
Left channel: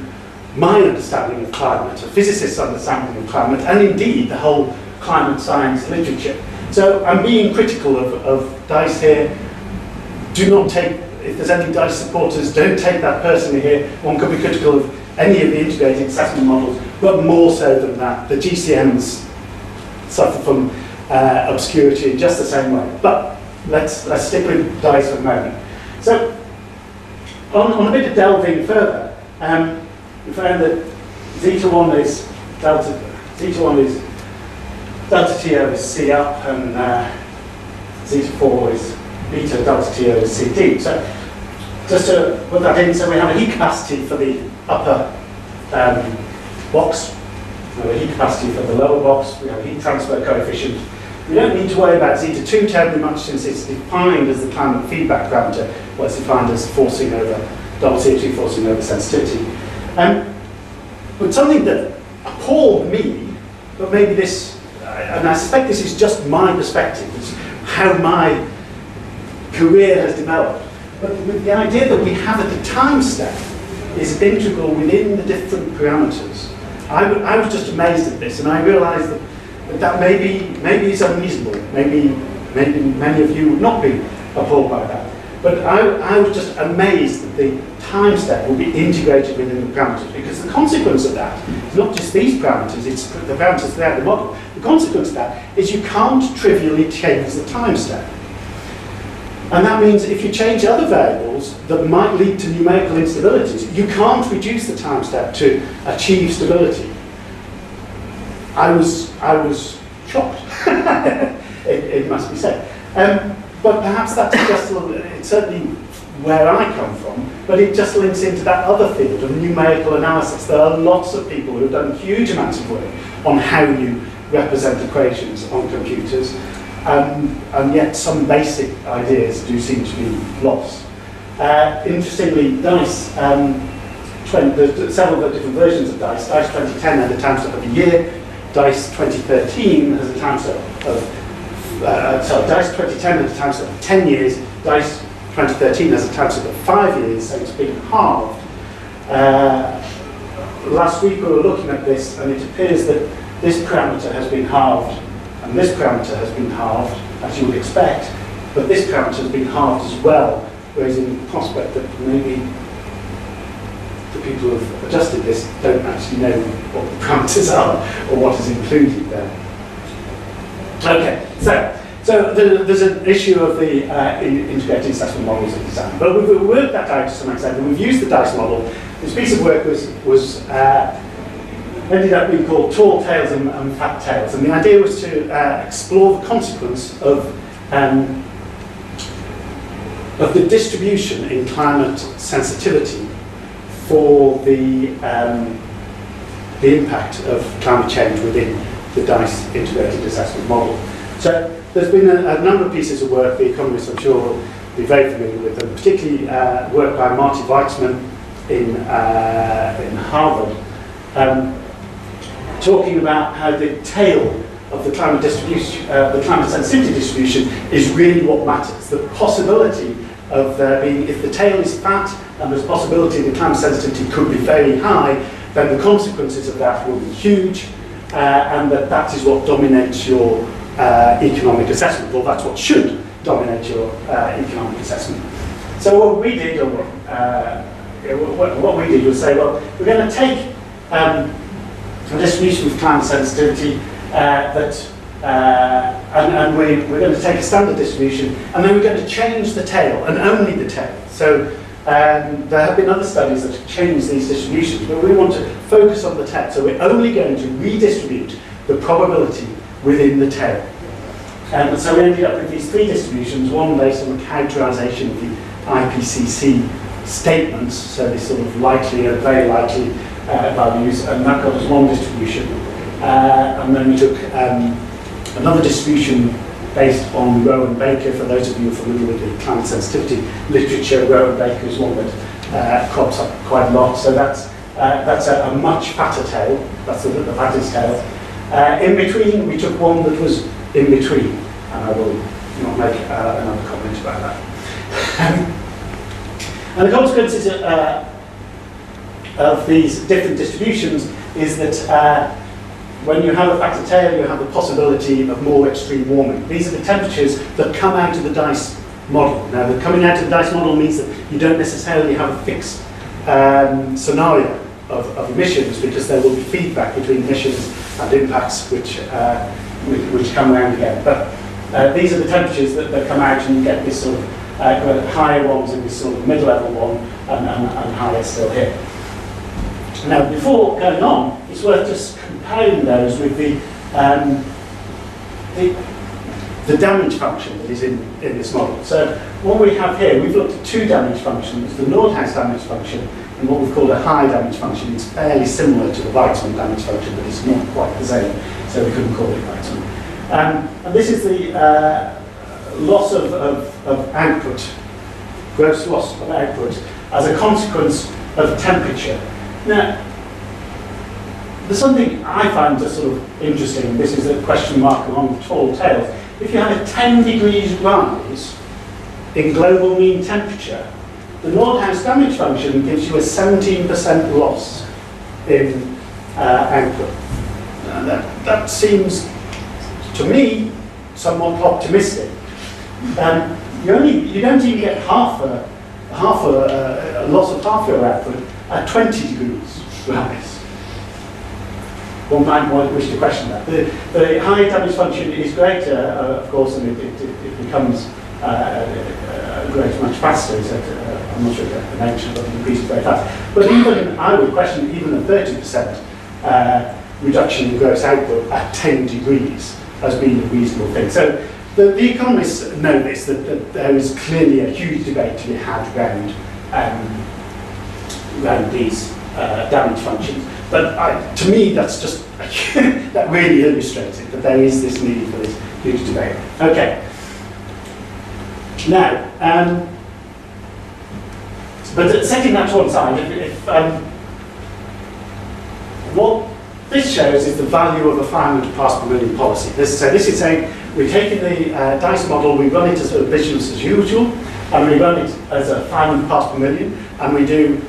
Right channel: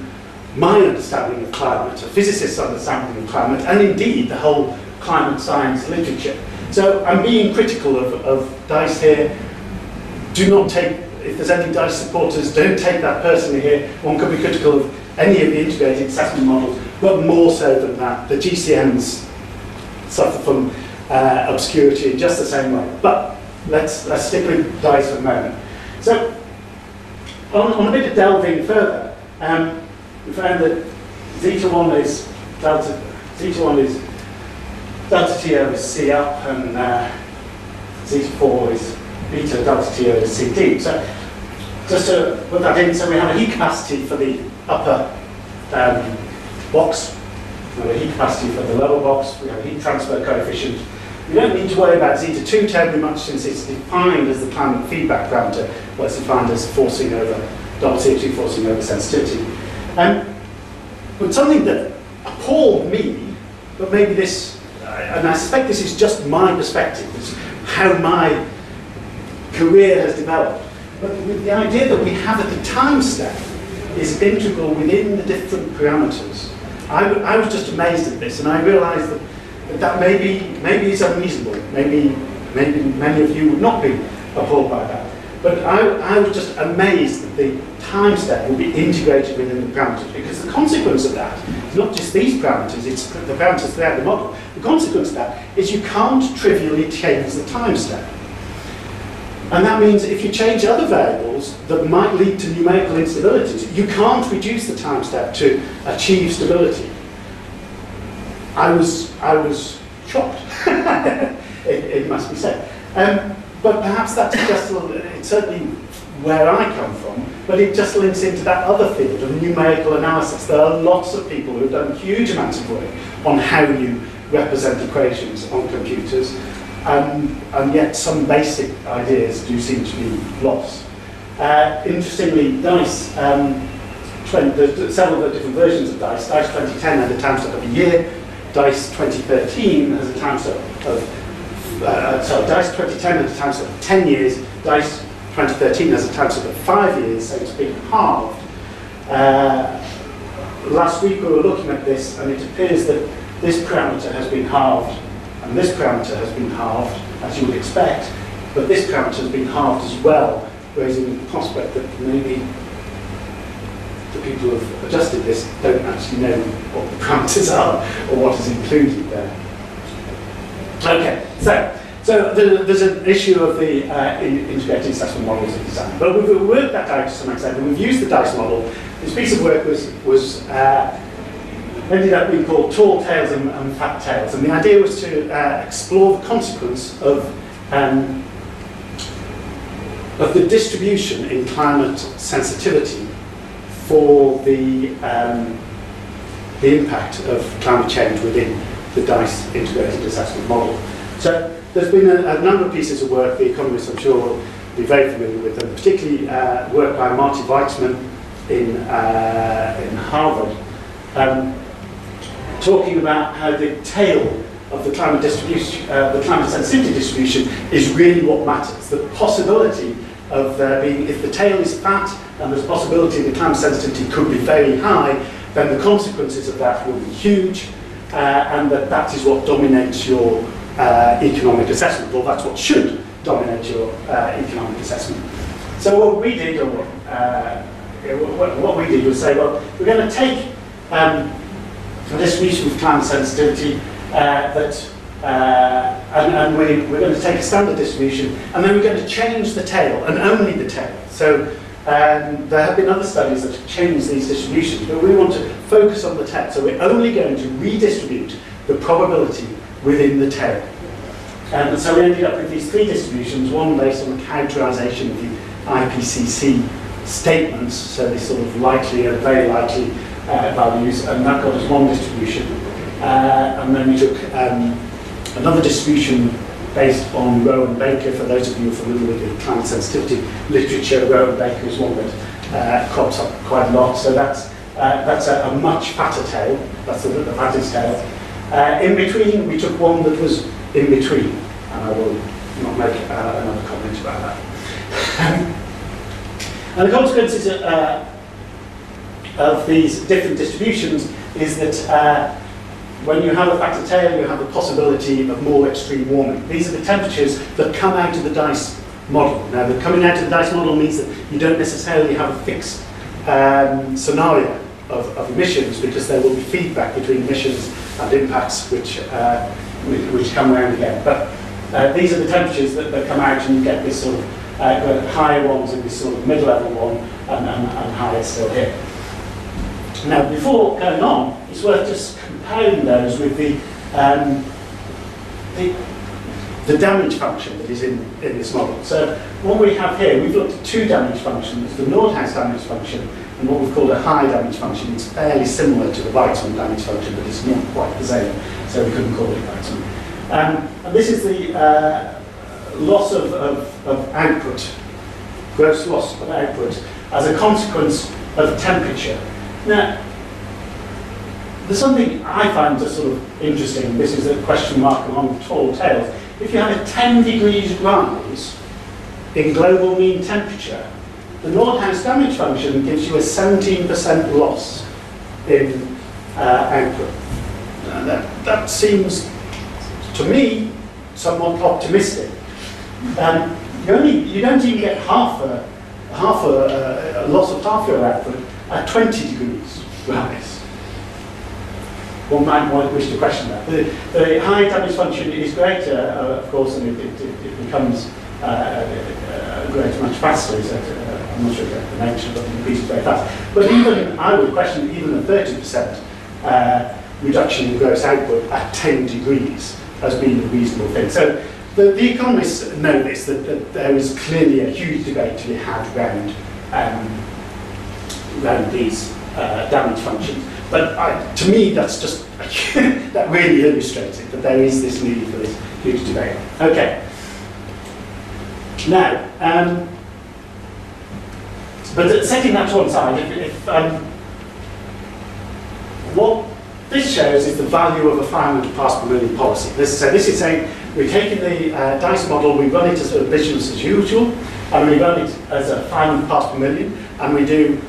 my understanding of climate, a physicist's understanding of climate, and indeed the whole climate science literature. So I'm being critical of DICE here. Do not take, if there's any DICE supporters, don't take that personally here. One could be critical of any of the integrated assessment models, but more so than that. The GCMs suffer from obscurity in just the same way. But let's stick with DICE for a moment. So on a bit of delving further, we found that zeta1 is delta T over C up, and zeta4 is beta delta T over CD. So just to put that in, so we have a heat capacity for the upper box, we have a heat capacity for the lower box, we have a heat transfer coefficient. We don't need to worry about zeta2 terribly much since it's defined as the climate feedback parameter, well, it's defined as forcing over, double CO2 forcing over sensitivity. But something that appalled me, but maybe this, and I suspect this is just my perspective, it's how my career has developed, but the idea that we have at the time step is integral within the different parameters. I was just amazed at this, and I realised that maybe is unreasonable. Maybe many of you would not be appalled by that. But I was just amazed that the time step will be integrated within the parameters, because the consequence of that is not just these parameters, it's the parameters that are the model. The consequence of that is you can't trivially change the time step. And that means if you change other variables that might lead to numerical instabilities, you can't reduce the time step to achieve stability. I was shocked, it must be said. But perhaps that's just a little, it's certainly where I come from, but it just links into that other field of numerical analysis. There are lots of people who have done huge amounts of work on how you represent equations on computers, and yet some basic ideas do seem to be lost. Interestingly, DICE, there's several different versions of DICE. DICE 2010 had a time step of a year. DICE 2013 has a time step of DICE 2010 has a time step of 10 years, DICE 2013 has a time step of 5 years, so it's been halved. Last week we were looking at this, and it appears that this parameter has been halved, and this parameter has been halved, as you would expect, but this parameter has been halved as well, raising the prospect that maybe the people who have adjusted this don't actually know what the parameters are, or what is included there. Okay, so there's an issue of the integrated assessment models in design, but we've worked that out to some extent, and we've used the DICE model. This piece of work was ended up being called Tall Tales and Fat Tales, and the idea was to explore the consequence of the distribution in climate sensitivity for the impact of climate change within the DICE integrated assessment model. So there's been a number of pieces of work, the economists I'm sure will be very familiar with them, particularly work by Marty Weitzman in Harvard, talking about how the tail of the climate distribution, the climate sensitivity distribution is really what matters. The possibility of there being, if the tail is fat and there's a possibility the climate sensitivity could be very high, then the consequences of that will be huge. And that is what dominates your economic assessment, or that's what should dominate your economic assessment. So what we did, or what we did was say, well, we're going to take a distribution of climate sensitivity and we're going to take a standard distribution, and then we're going to change the tail, and only the tail. So there have been other studies that have changed these distributions, but we want to focus on the tail. So we're only going to redistribute the probability within the tail. And so we ended up with these three distributions, one based on the characterization of the IPCC statements, so these sort of likely and very likely values, and that got us one distribution. And then we took another distribution based on Rowe and Baker. For those of you who are familiar with the climate sensitivity literature, Rowe and Baker is one that crops up quite a lot. So that's a much fatter tail. That's the fattest tail. In between, we took one that was in between, and I will not make another comment about that. And the consequences of these different distributions is that when you have a fatter tail, you have the possibility of more extreme warming. These are the temperatures that come out of the DICE model. Now, the coming out of the DICE model means that you don't necessarily have a fixed scenario of emissions, because there will be feedback between emissions and impacts which come around again. But these are the temperatures that come out, and you get this sort of higher ones and this sort of mid-level one, and higher still here. Now, before going on, it's worth just comparing those with the damage function that is in this model. So what we have here, we've looked at two damage functions, the Nordhaus damage function and what we've called a high damage function. It's fairly similar to the Weizmann damage function, but it's not quite the same, so we couldn't call it Weizmann. And this is the loss of output, gross loss of output, as a consequence of temperature. Now, there's something I find just sort of interesting. This is a question mark along the tall tails. If you have a 10 degrees rise in global mean temperature, the Nordhaus damage function gives you a 17% loss in output. That seems, to me, somewhat optimistic. You don't even get half a loss of half your output at 20 degrees rise. One might wish to question that. The high damage function is greater, of course, and it becomes greater much faster. So I'm not sure the nature of it increases very fast. But even, I would question even a 30% reduction in gross output at 10 degrees as being a reasonable thing. So the economists know this, that there is clearly a huge debate to be had around these damage functions. But to me, that's just, that really illustrates it, that there is this need for this huge debate. Okay. Now, but setting that to one side, what this shows is the value of a 500 parts per million policy. So this is saying, we're taking the DICE model, we run it as a business as usual, and we run it as a 500 parts per million, and we do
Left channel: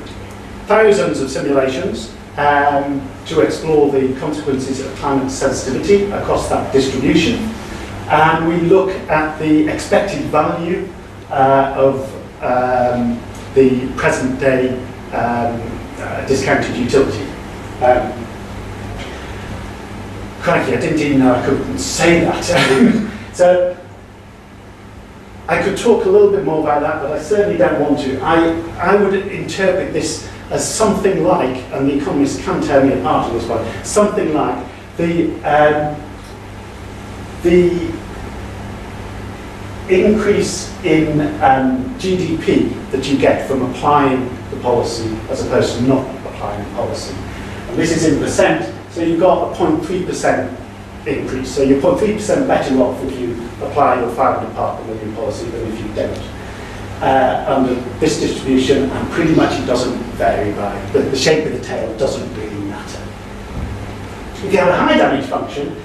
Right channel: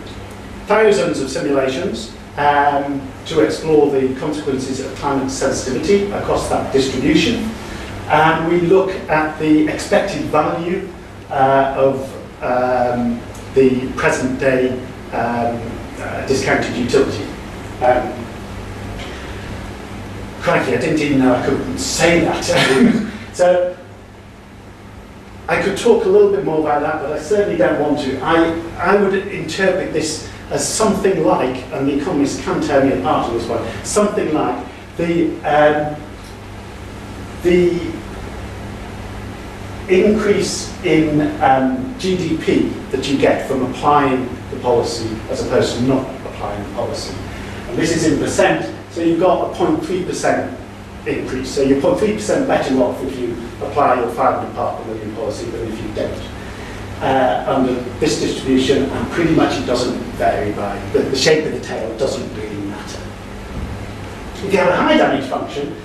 thousands of simulations to explore the consequences of climate sensitivity across that distribution. And we look at the expected value of the present day discounted utility. Crikey, I didn't even know I could say that. So I could talk a little bit more about that, but I certainly don't want to. I would interpret this as something like, and the economists can tear me apart on this one, something like the increase in GDP that you get from applying the policy as opposed to not applying the policy. And this is in percent, so you've got a 0.3% increase. So you're 0.3% better off if you apply your 500 part per million policy than if you don't. Under this distribution, and pretty much it doesn't vary by, the shape of the tail doesn't really matter. If you have a high damage function,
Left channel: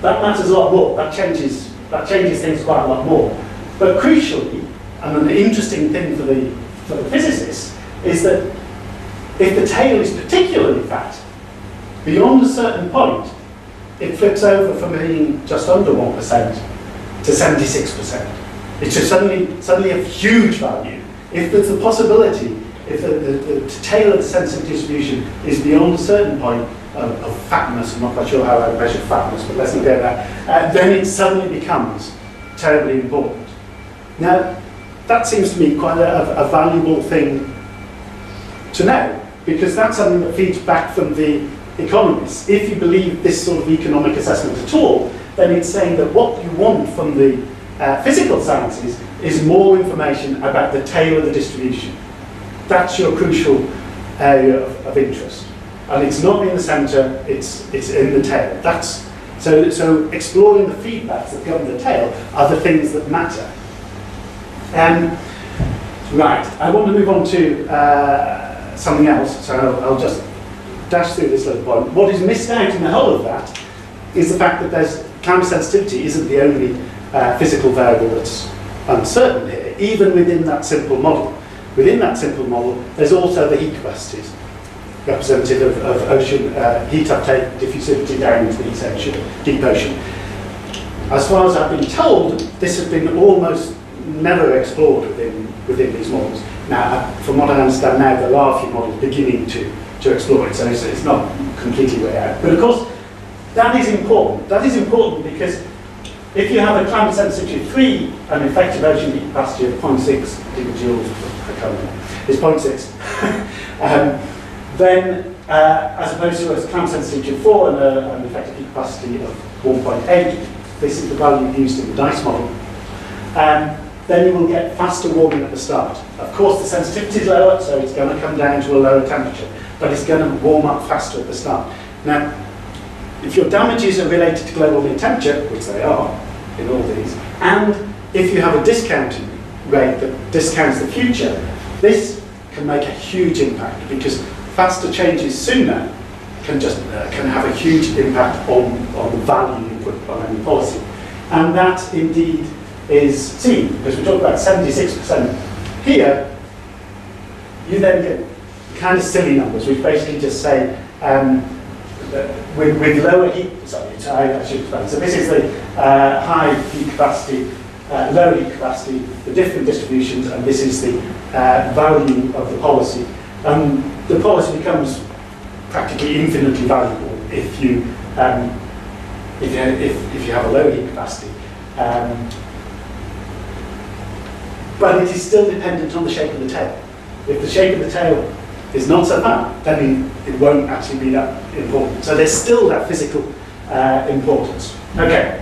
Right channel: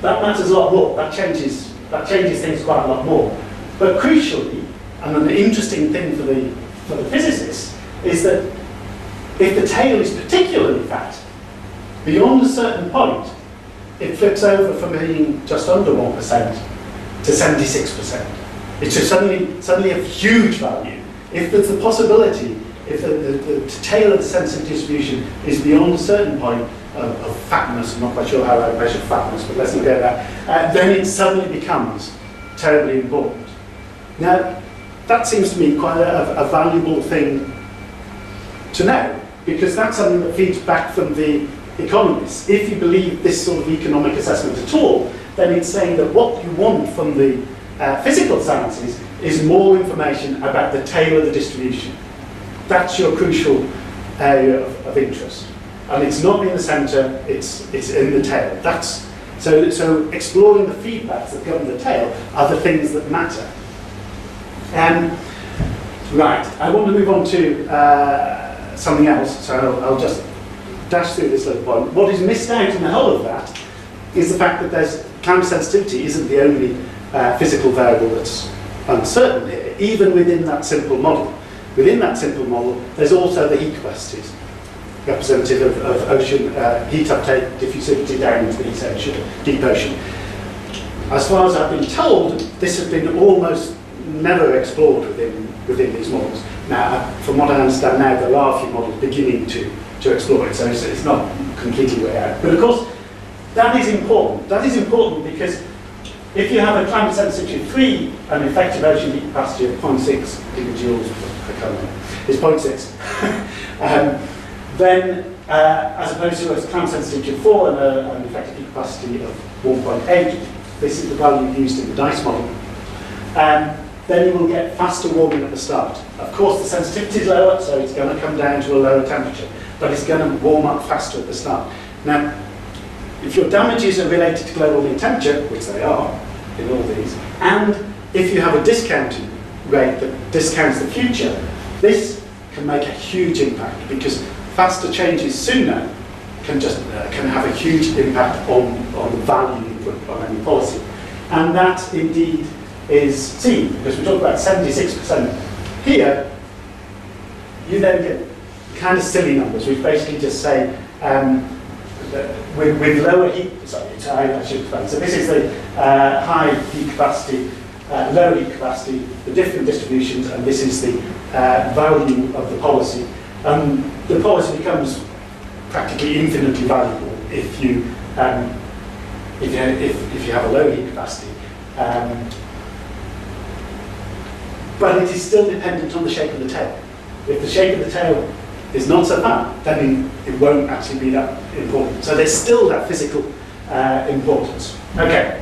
that matters a lot more. That changes things quite a lot more. But crucially, and an interesting thing for the physicists, is that if the tail is particularly fat, beyond a certain point, it flips over from being just under 1% to 76%. It's just suddenly a huge value. If there's a possibility, if the tail of the sensitive distribution is beyond a certain point of fatness, I'm not quite sure how I measure fatness, but let's not go there, then it suddenly becomes terribly important. Now, that seems to me quite a valuable thing to know, because that's something that feeds back from the economists. If you believe this sort of economic assessment at all, then it's saying that what you want from the physical sciences is more information about the tail of the distribution. That's your crucial area of interest. And it's not in the centre, it's in the tail. So exploring the feedbacks that govern the tail are the things that matter. Right, I want to move on to something else, so I'll just dash through this little point. What is missed out in the whole of that is the fact that climate sensitivity isn't the only physical variable that's uncertain here, even within that simple model. Within that simple model, there's also the heat capacities, representative of ocean heat uptake, diffusivity down into the deep ocean. As far as I've been told, this has been almost never explored within these models. Now, from what I understand now, there are a few models beginning to explore it, so it's not completely way out. But of course, that is important. That is important because if you have a climate sensitivity of 3 and effective ocean heat capacity of 0.6 gigajoules per kilometre, is 0.6, then as opposed to a climate sensitivity of 4 and an effective heat capacity of 1.8, this is the value used in the DICE model. then you will get faster warming at the start. Of course, the sensitivity is lower, so it's going to come down to a lower temperature, but it's going to warm up faster at the start. Now, if your damages are related to global mean temperature, which they are in all these, and if you have a discounting rate that discounts the future, this can make a huge impact, because faster changes sooner can have a huge impact on the value you put on any policy. And that indeed is seen, because we talk about 76% here. You then get kind of silly numbers, which basically just say with lower heat, sorry, I should explain. So this is the high heat capacity, low heat capacity, the different distributions, and this is the value of the policy. The policy becomes practically infinitely valuable if you have a low heat capacity. But it is still dependent on the shape of the tail. If the shape of the tail is not so bad, then it won't actually be that important. So there's still that physical importance. Okay.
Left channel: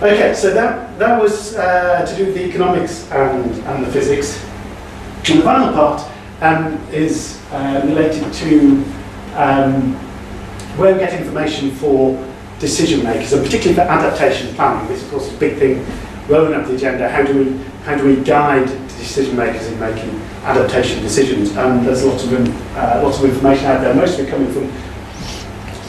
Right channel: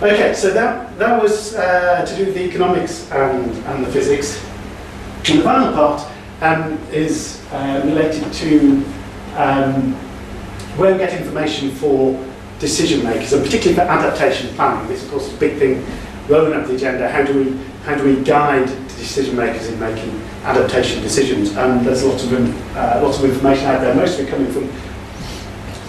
Okay, so that was to do with the economics and the physics. And the final part is related to where we get information for decision makers, and particularly for adaptation planning. This, of course, is a big thing rolling up the agenda. How do we guide decision makers in making adaptation decisions? And there's lots of information out there, most of it coming from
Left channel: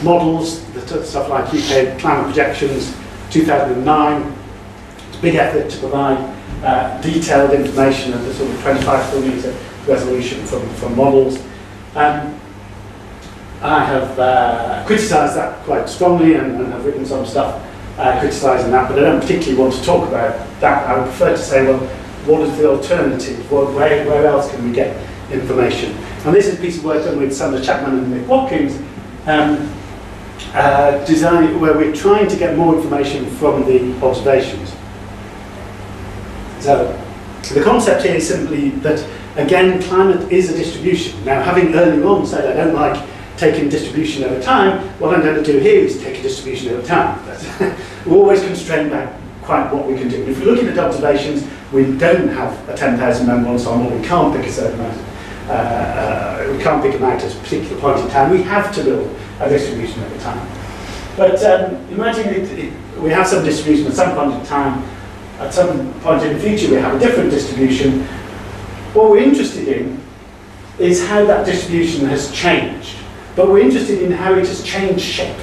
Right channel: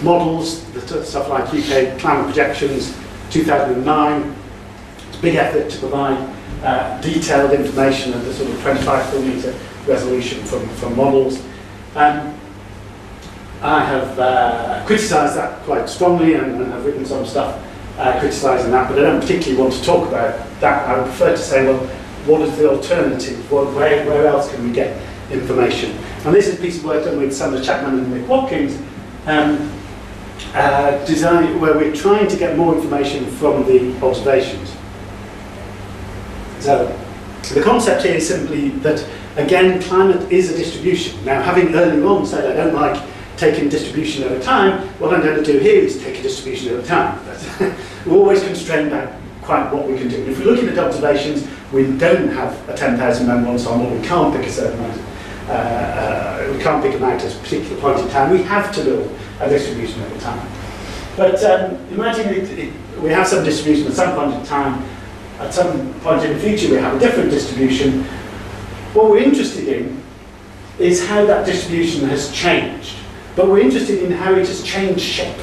models, stuff like UK climate projections, 2009. It's a big effort to provide detailed information at the sort of 25 kilometre resolution from models. I have criticised that quite strongly and have written some stuff criticising that, but I don't particularly want to talk about that. I would prefer to say, well, what is the alternative? Where else can we get information? And this is a piece of work done with Sandra Chapman and Nick Watkins, where we're trying to get more information from the observations. So the concept here is simply that, again, climate is a distribution. Now, having earlier on said I don't like taking distribution over time, what I'm going to do here is take a distribution over time. We're always constrained by quite what we can do. If we're looking at observations, we don't have a 10,000 member ensemble, we can't pick a certain amount, we can't pick them out at a particular point in time. We have to build a distribution over time. But imagine we have some distribution at some point in time, at some point in the future we have a different distribution. What we're interested in is how that distribution has changed. But we're interested in how it has changed shape.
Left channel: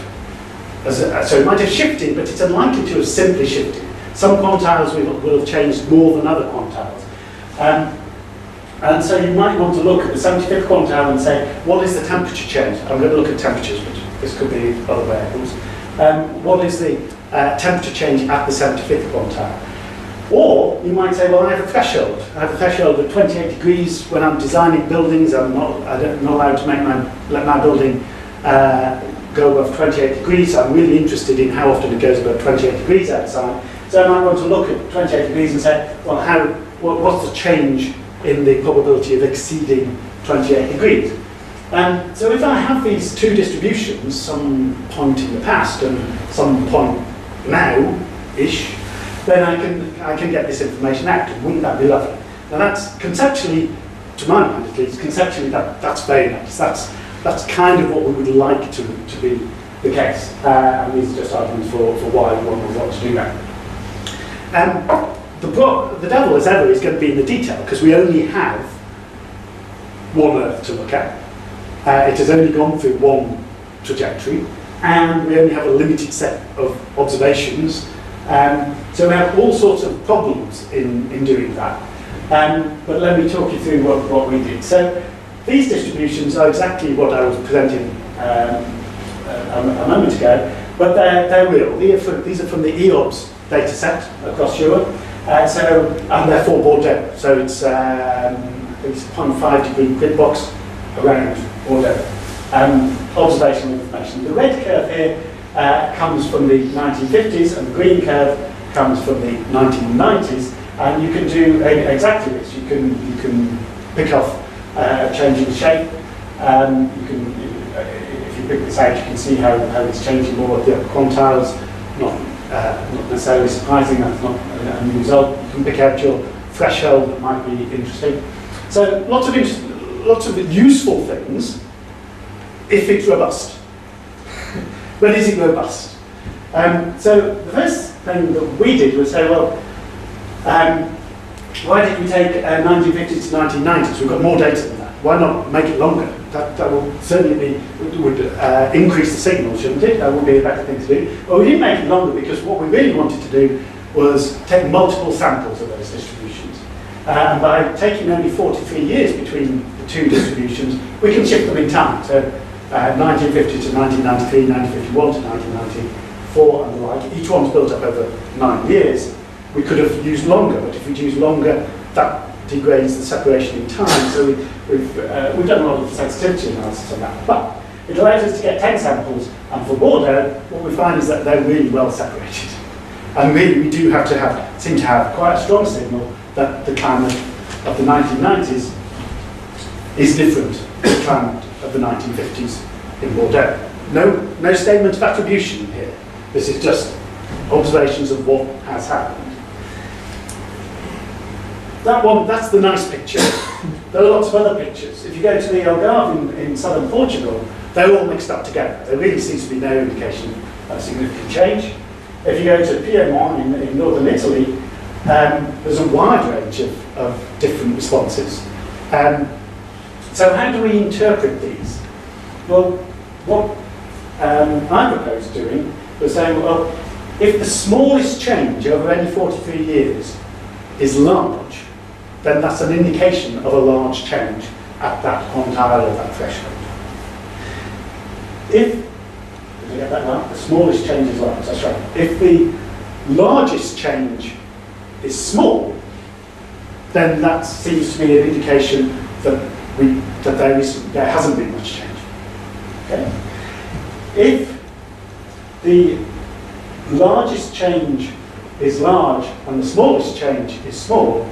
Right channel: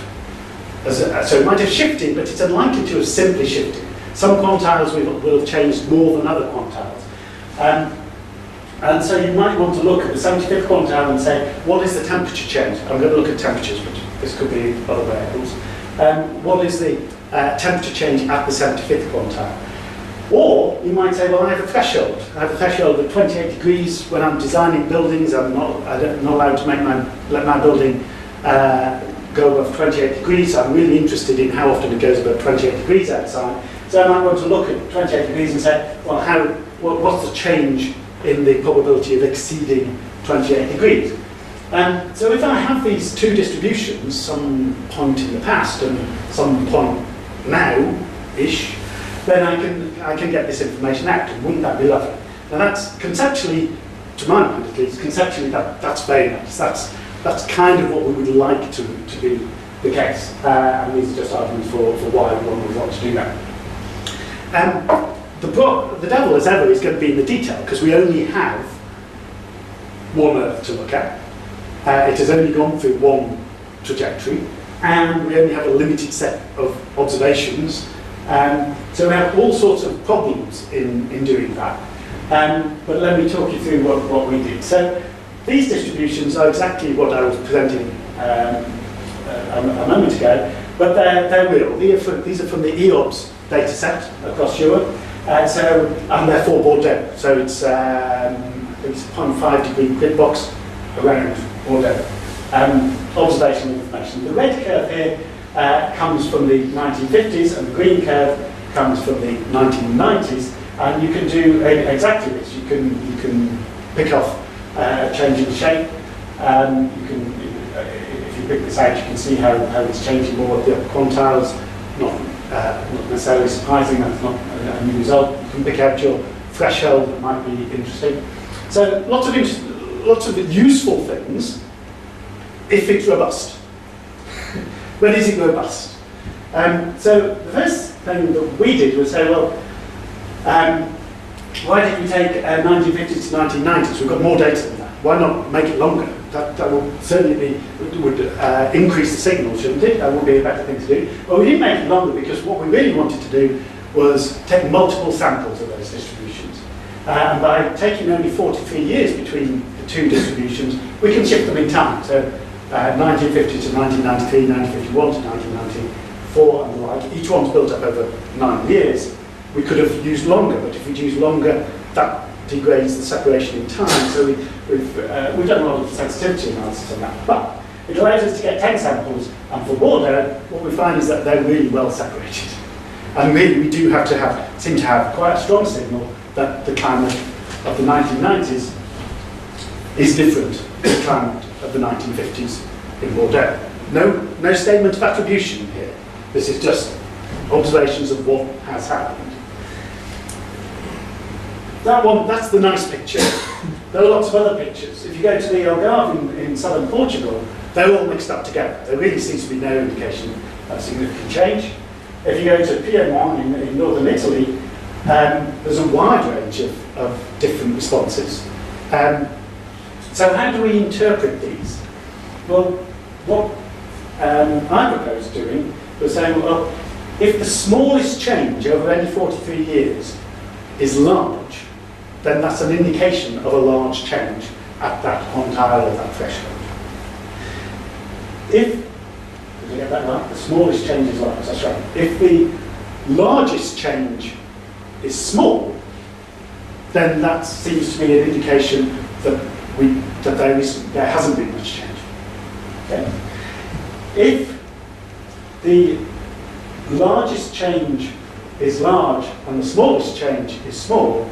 So it might have shifted, but it's unlikely to have simply shifted. Some quantiles will have changed more than other quantiles. And so you might want to look at the 75th quantile and say, what is the temperature change? I'm going to look at temperatures, but this could be other variables. What is the temperature change at the 75th quantile? Or you might say, well, I have a threshold. I have a threshold of 28 degrees when I'm designing buildings. I'm not allowed to let my building go above 28 degrees. So I'm really interested in how often it goes above 28 degrees outside. So I might want to look at 28 degrees and say, well, what's the change in the probability of exceeding 28 degrees? So if I have these two distributions, some point in the past and some point now-ish, then I can get this information out. Wouldn't that be lovely? Now that's conceptually, to my mind at least, conceptually that's very nice. That's kind of what we would like to be the case. And these are just arguments for why one would want to do that. The devil, as ever, is going to be in the detail, because we only have one Earth to look at. It has only gone through one trajectory, and we only have a limited set of observations. So we have all sorts of problems in doing that. But let me talk you through what we did. So these distributions are exactly what I was presenting a moment ago, but they're real. These are from the EOBS data set across Europe. And they're for Bordeaux. So it's 0.5 degree grid box around Bordeaux. Observational information. The red curve here comes from the 1950s, and the green curve comes from the 1990s. And you can do exactly this. You can pick off changing shape. If you pick this out, you can see how it's changing more at the upper quantiles, not not necessarily surprising, that's not a new result. You can pick out your threshold that might be interesting. So lots of useful things if it's robust. When is it robust? So the first thing that we did was say, well, why did we take 1950s to 1990s? We've got more data than that. Why not make it longer? That will certainly would increase the signal, shouldn't it? That would be a better thing to do. But we didn't make it longer because what we really wanted to do was take multiple samples of those distributions. And by taking only 43 years between the two distributions, we can shift them in time. So 1950 to 1993, 1951 to 1994 and the like. Each one's built up over 9 years. We could have used longer, but if we'd used longer, that degrades the separation in time. So we've done a lot of sensitivity analysis on that. But it allows us to get 10 samples, and for Bordeaux, what we find is that they're really well separated. And really, we do have to seem to have quite a strong signal that the climate of the 1990s is different to the climate of the 1950s in Bordeaux. No statement of attribution here. This is just observations of what has happened. That's the nice picture. There are lots of other pictures. If you go to the Algarve in southern Portugal, they're all mixed up together. There really seems to be no indication of significant change. If you go to Piedmont in northern Italy, there's a wide range of different responses. So how do we interpret these? Well, what I proposed doing was saying, well, if the smallest change over any 43 years is large, then that's an indication of a large change at that quantile or that threshold. Did you get that right? The smallest change is large, that's right. If the largest change is small, then that seems to be an indication that there hasn't been much change. Okay? If the largest change is large and the smallest change is small,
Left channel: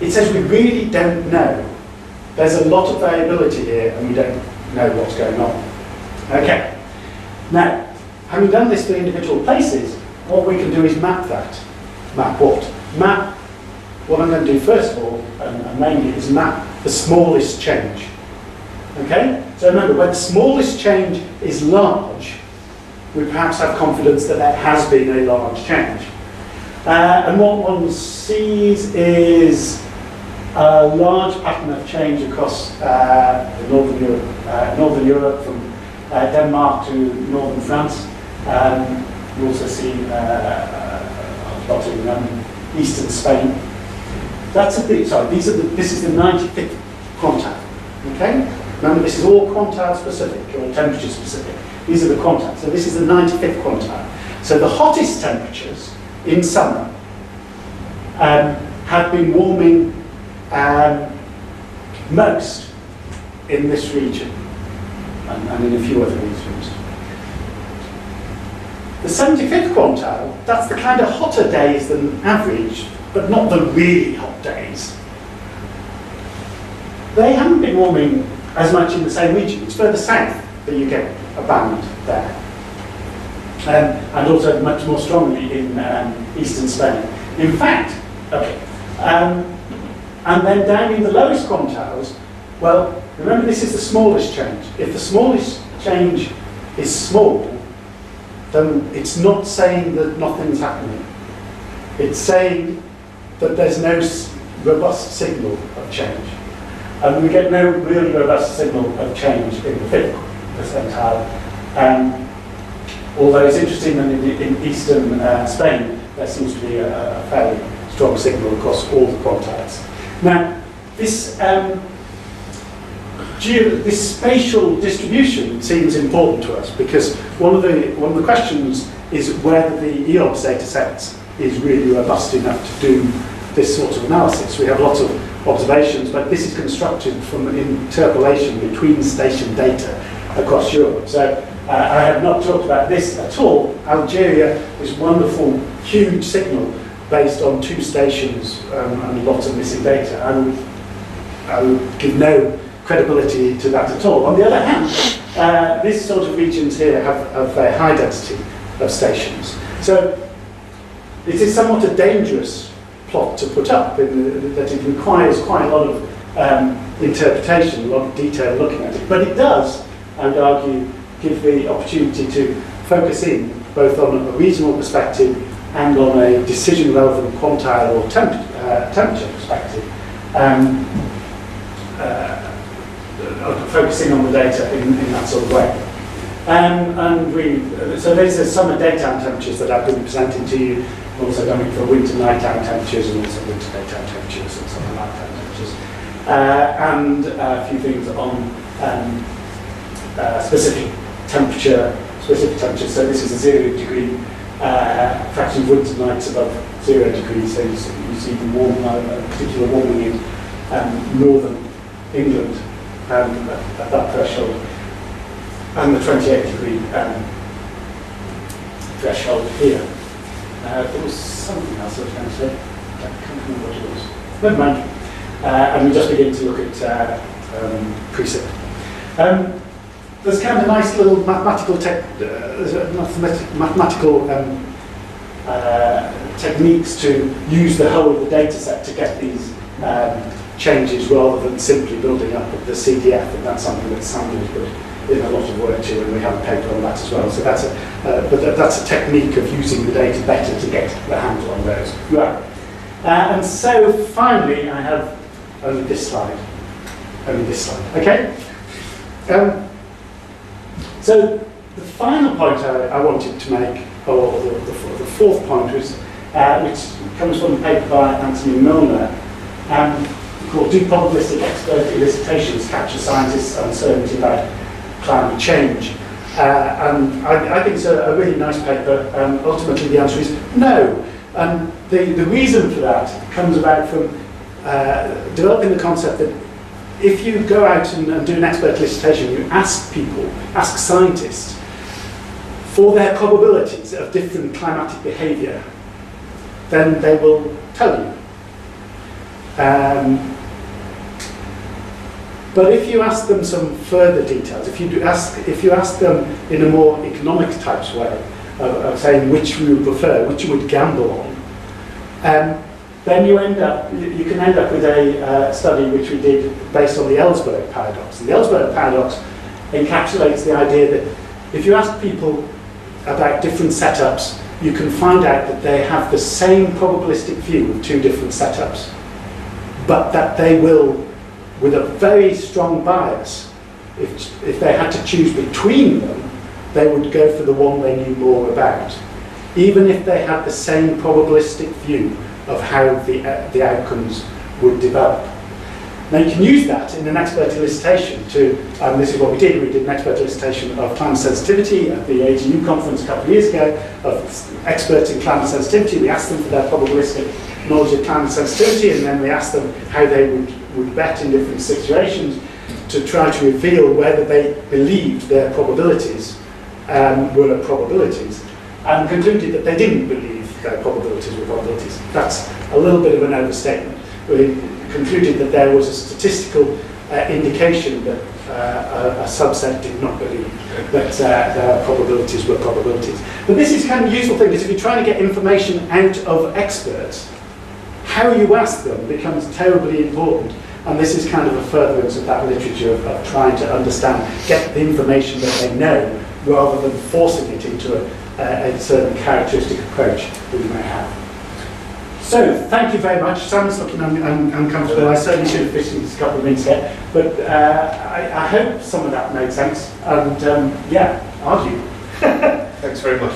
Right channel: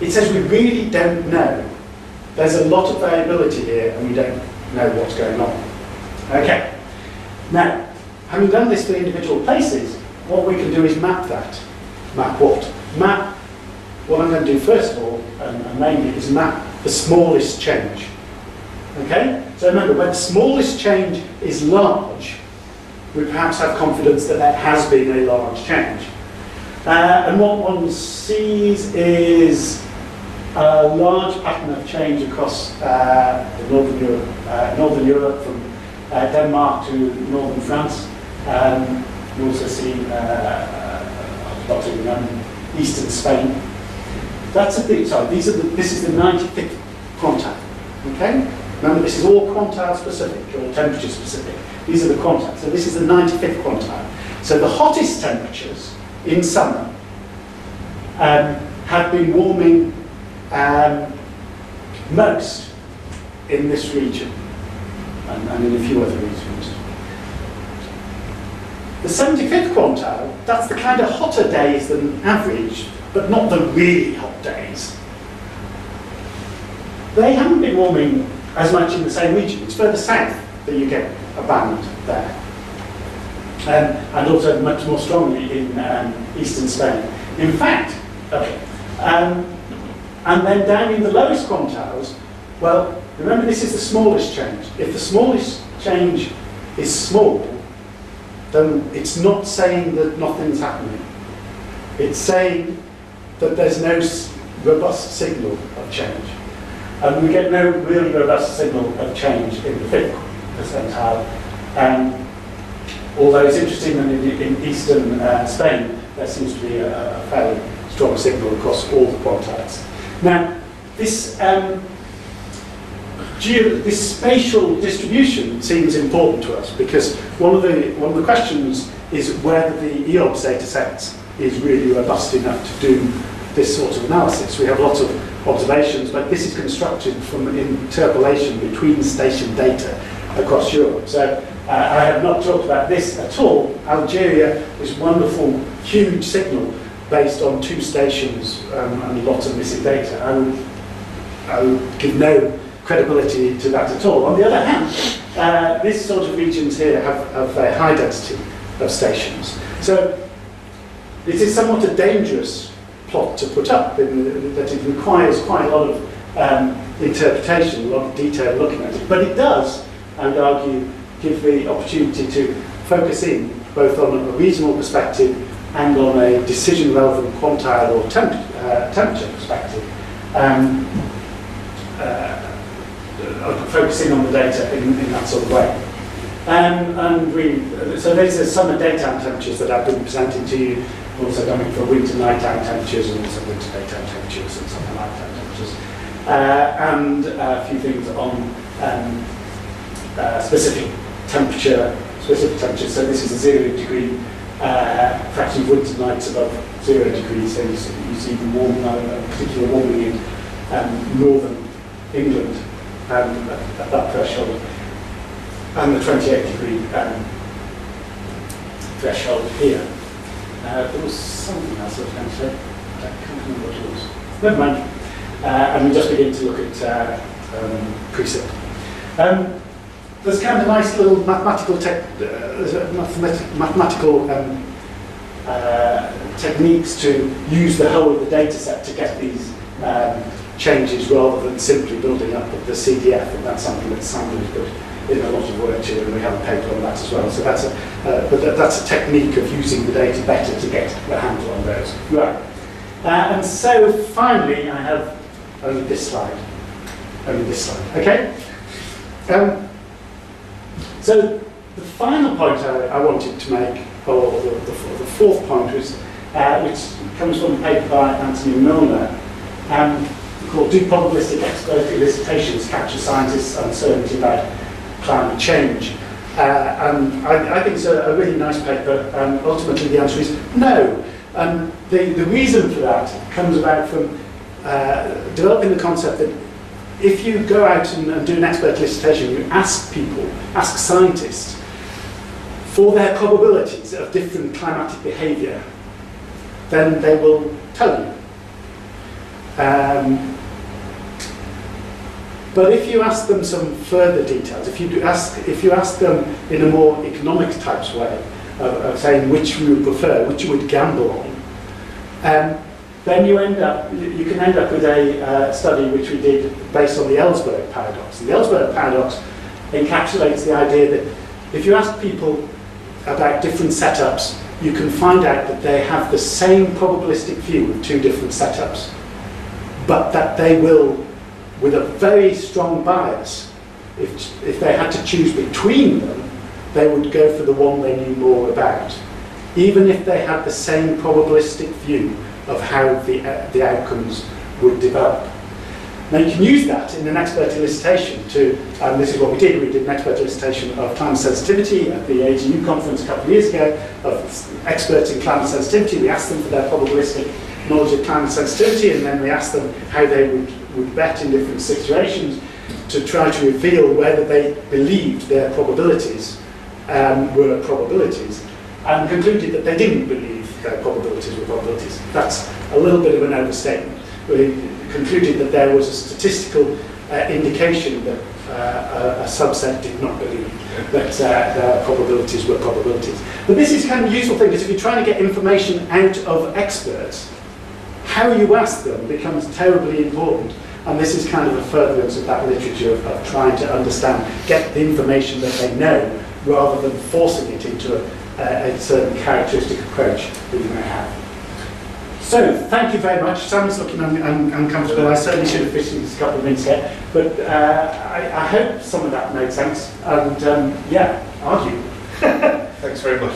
it says we really don't know. There's a lot of variability here and we don't know what's going on. Okay. Now, having done this for individual places, what we can do is map that. Map what? Map, what I'm going to do first of all, and mainly, is map the smallest change. Okay? So remember, when the smallest change is large, we perhaps have confidence that there has been a large change. And what one sees is a large pattern of change across Northern Europe from Denmark to northern France. You also see plotting eastern Spain. That's a bit, sorry, this is the 95th quantile. Okay? Remember, this is all quantile specific, or temperature specific. These are the quantiles. So this is the 95th quantile. So the hottest temperatures in summer have been warming most in this region and in a few other regions. The 75th quantile, that's the kind of hotter days than average, but not the really hot days. They haven't been warming as much in the same region. It's further south that you get a band there. And also much more strongly in eastern Spain. In fact, okay, and then down in the lowest quantiles, well, remember this is the smallest change. If the smallest change is small, then it's not saying that nothing's happening. It's saying that there's no robust signal of change. And we get no really robust signal of change in the 5th percentile. Although it's interesting that in eastern Spain, there seems to be a fairly strong signal across all the quantiles. Now, this spatial distribution seems important to us because one of the questions is whether the EOBS data sets is really robust enough to do this sort of analysis. We have lots of observations, but this is constructed from an interpolation between station data across Europe. So I have not talked about this at all. Algeria is wonderful, huge signal based on 2 stations and lots of missing data. I would give no credibility to that at all. On the other hand, these sort of regions here have a high density of stations. So it is somewhat a dangerous plot to put up, in that it requires quite a lot of interpretation, a lot of detail looking at it. But it does, I would argue, give the opportunity to focus in both on a regional perspective and on a decision-relevant quantile or temperature perspective. Focusing on the data in that sort of way. So these are summer daytime temperatures that I've been presenting to you. We're also going for winter nighttime temperatures and also winter daytime temperatures and summer nighttime temperatures. And a few things on specific temperatures. So this is a 0 degree fraction of winter nights above 0 degrees. So you see the particular warming in northern England at that threshold, and the 28 degree threshold here. There was something else I was going to say. I can't remember what it was. Never mind. And we just begin to look at precept. There's kind of nice little mathematical techniques to use the whole of the data set to get these changes rather than simply building up the CDF, and that's something that Sandra has put in a lot of work to, and we have a paper on that as well. So that's that's a technique of using the data better to get the handle on those. Right. And so finally, I have only this slide. Okay. So the final point I wanted to make, or the fourth point, was which comes from a paper by Anthony Milner, called "Do Probabilistic Expert Elicitations Capture Scientists' Uncertainty About Climate Change?" And I think it's a really nice paper. Ultimately, the answer is no. And the reason for that comes about from developing the concept that if you go out and do an expert elicitation, you ask people, ask scientists, for their probabilities of different climatic behaviour, then they will tell you. But if you ask them some further details, if you ask them in a more economic types way of saying which you would prefer, which you would gamble on, then you can end up with a study which we did based on the Ellsberg paradox. And the Ellsberg paradox encapsulates the idea that if you ask people about different setups, you can find out that they have the same probabilistic view of two different setups, but that they will, with a very strong bias, if they had to choose between them, they would go for the one they knew more about, even if they had the same probabilistic view of how the outcomes would develop. Now you can use that in an expert elicitation to, this is what we did an expert elicitation of climate sensitivity at the AGU conference a couple of years ago, of experts in climate sensitivity. We asked them for their probabilistic knowledge of climate sensitivity, and then we asked them how they would bet in different situations to try to reveal whether they believed their probabilities were probabilities, and concluded that they didn't believe their probabilities were probabilities. That's a little bit of an overstatement. We concluded that there was a statistical indication that a subset did not believe that their probabilities were probabilities. But this is kind of a useful thing, because if you're trying to get information out of experts, how you ask them becomes terribly important. And this is kind of a furtherance of that literature of trying to understand, get the information that they know, rather than forcing it into a certain characteristic approach that you may have. So, thank you very much. Sam's looking uncomfortable. I certainly should have finished this a couple of minutes ago. But I hope some of that made sense. And yeah, argue. Thanks very much.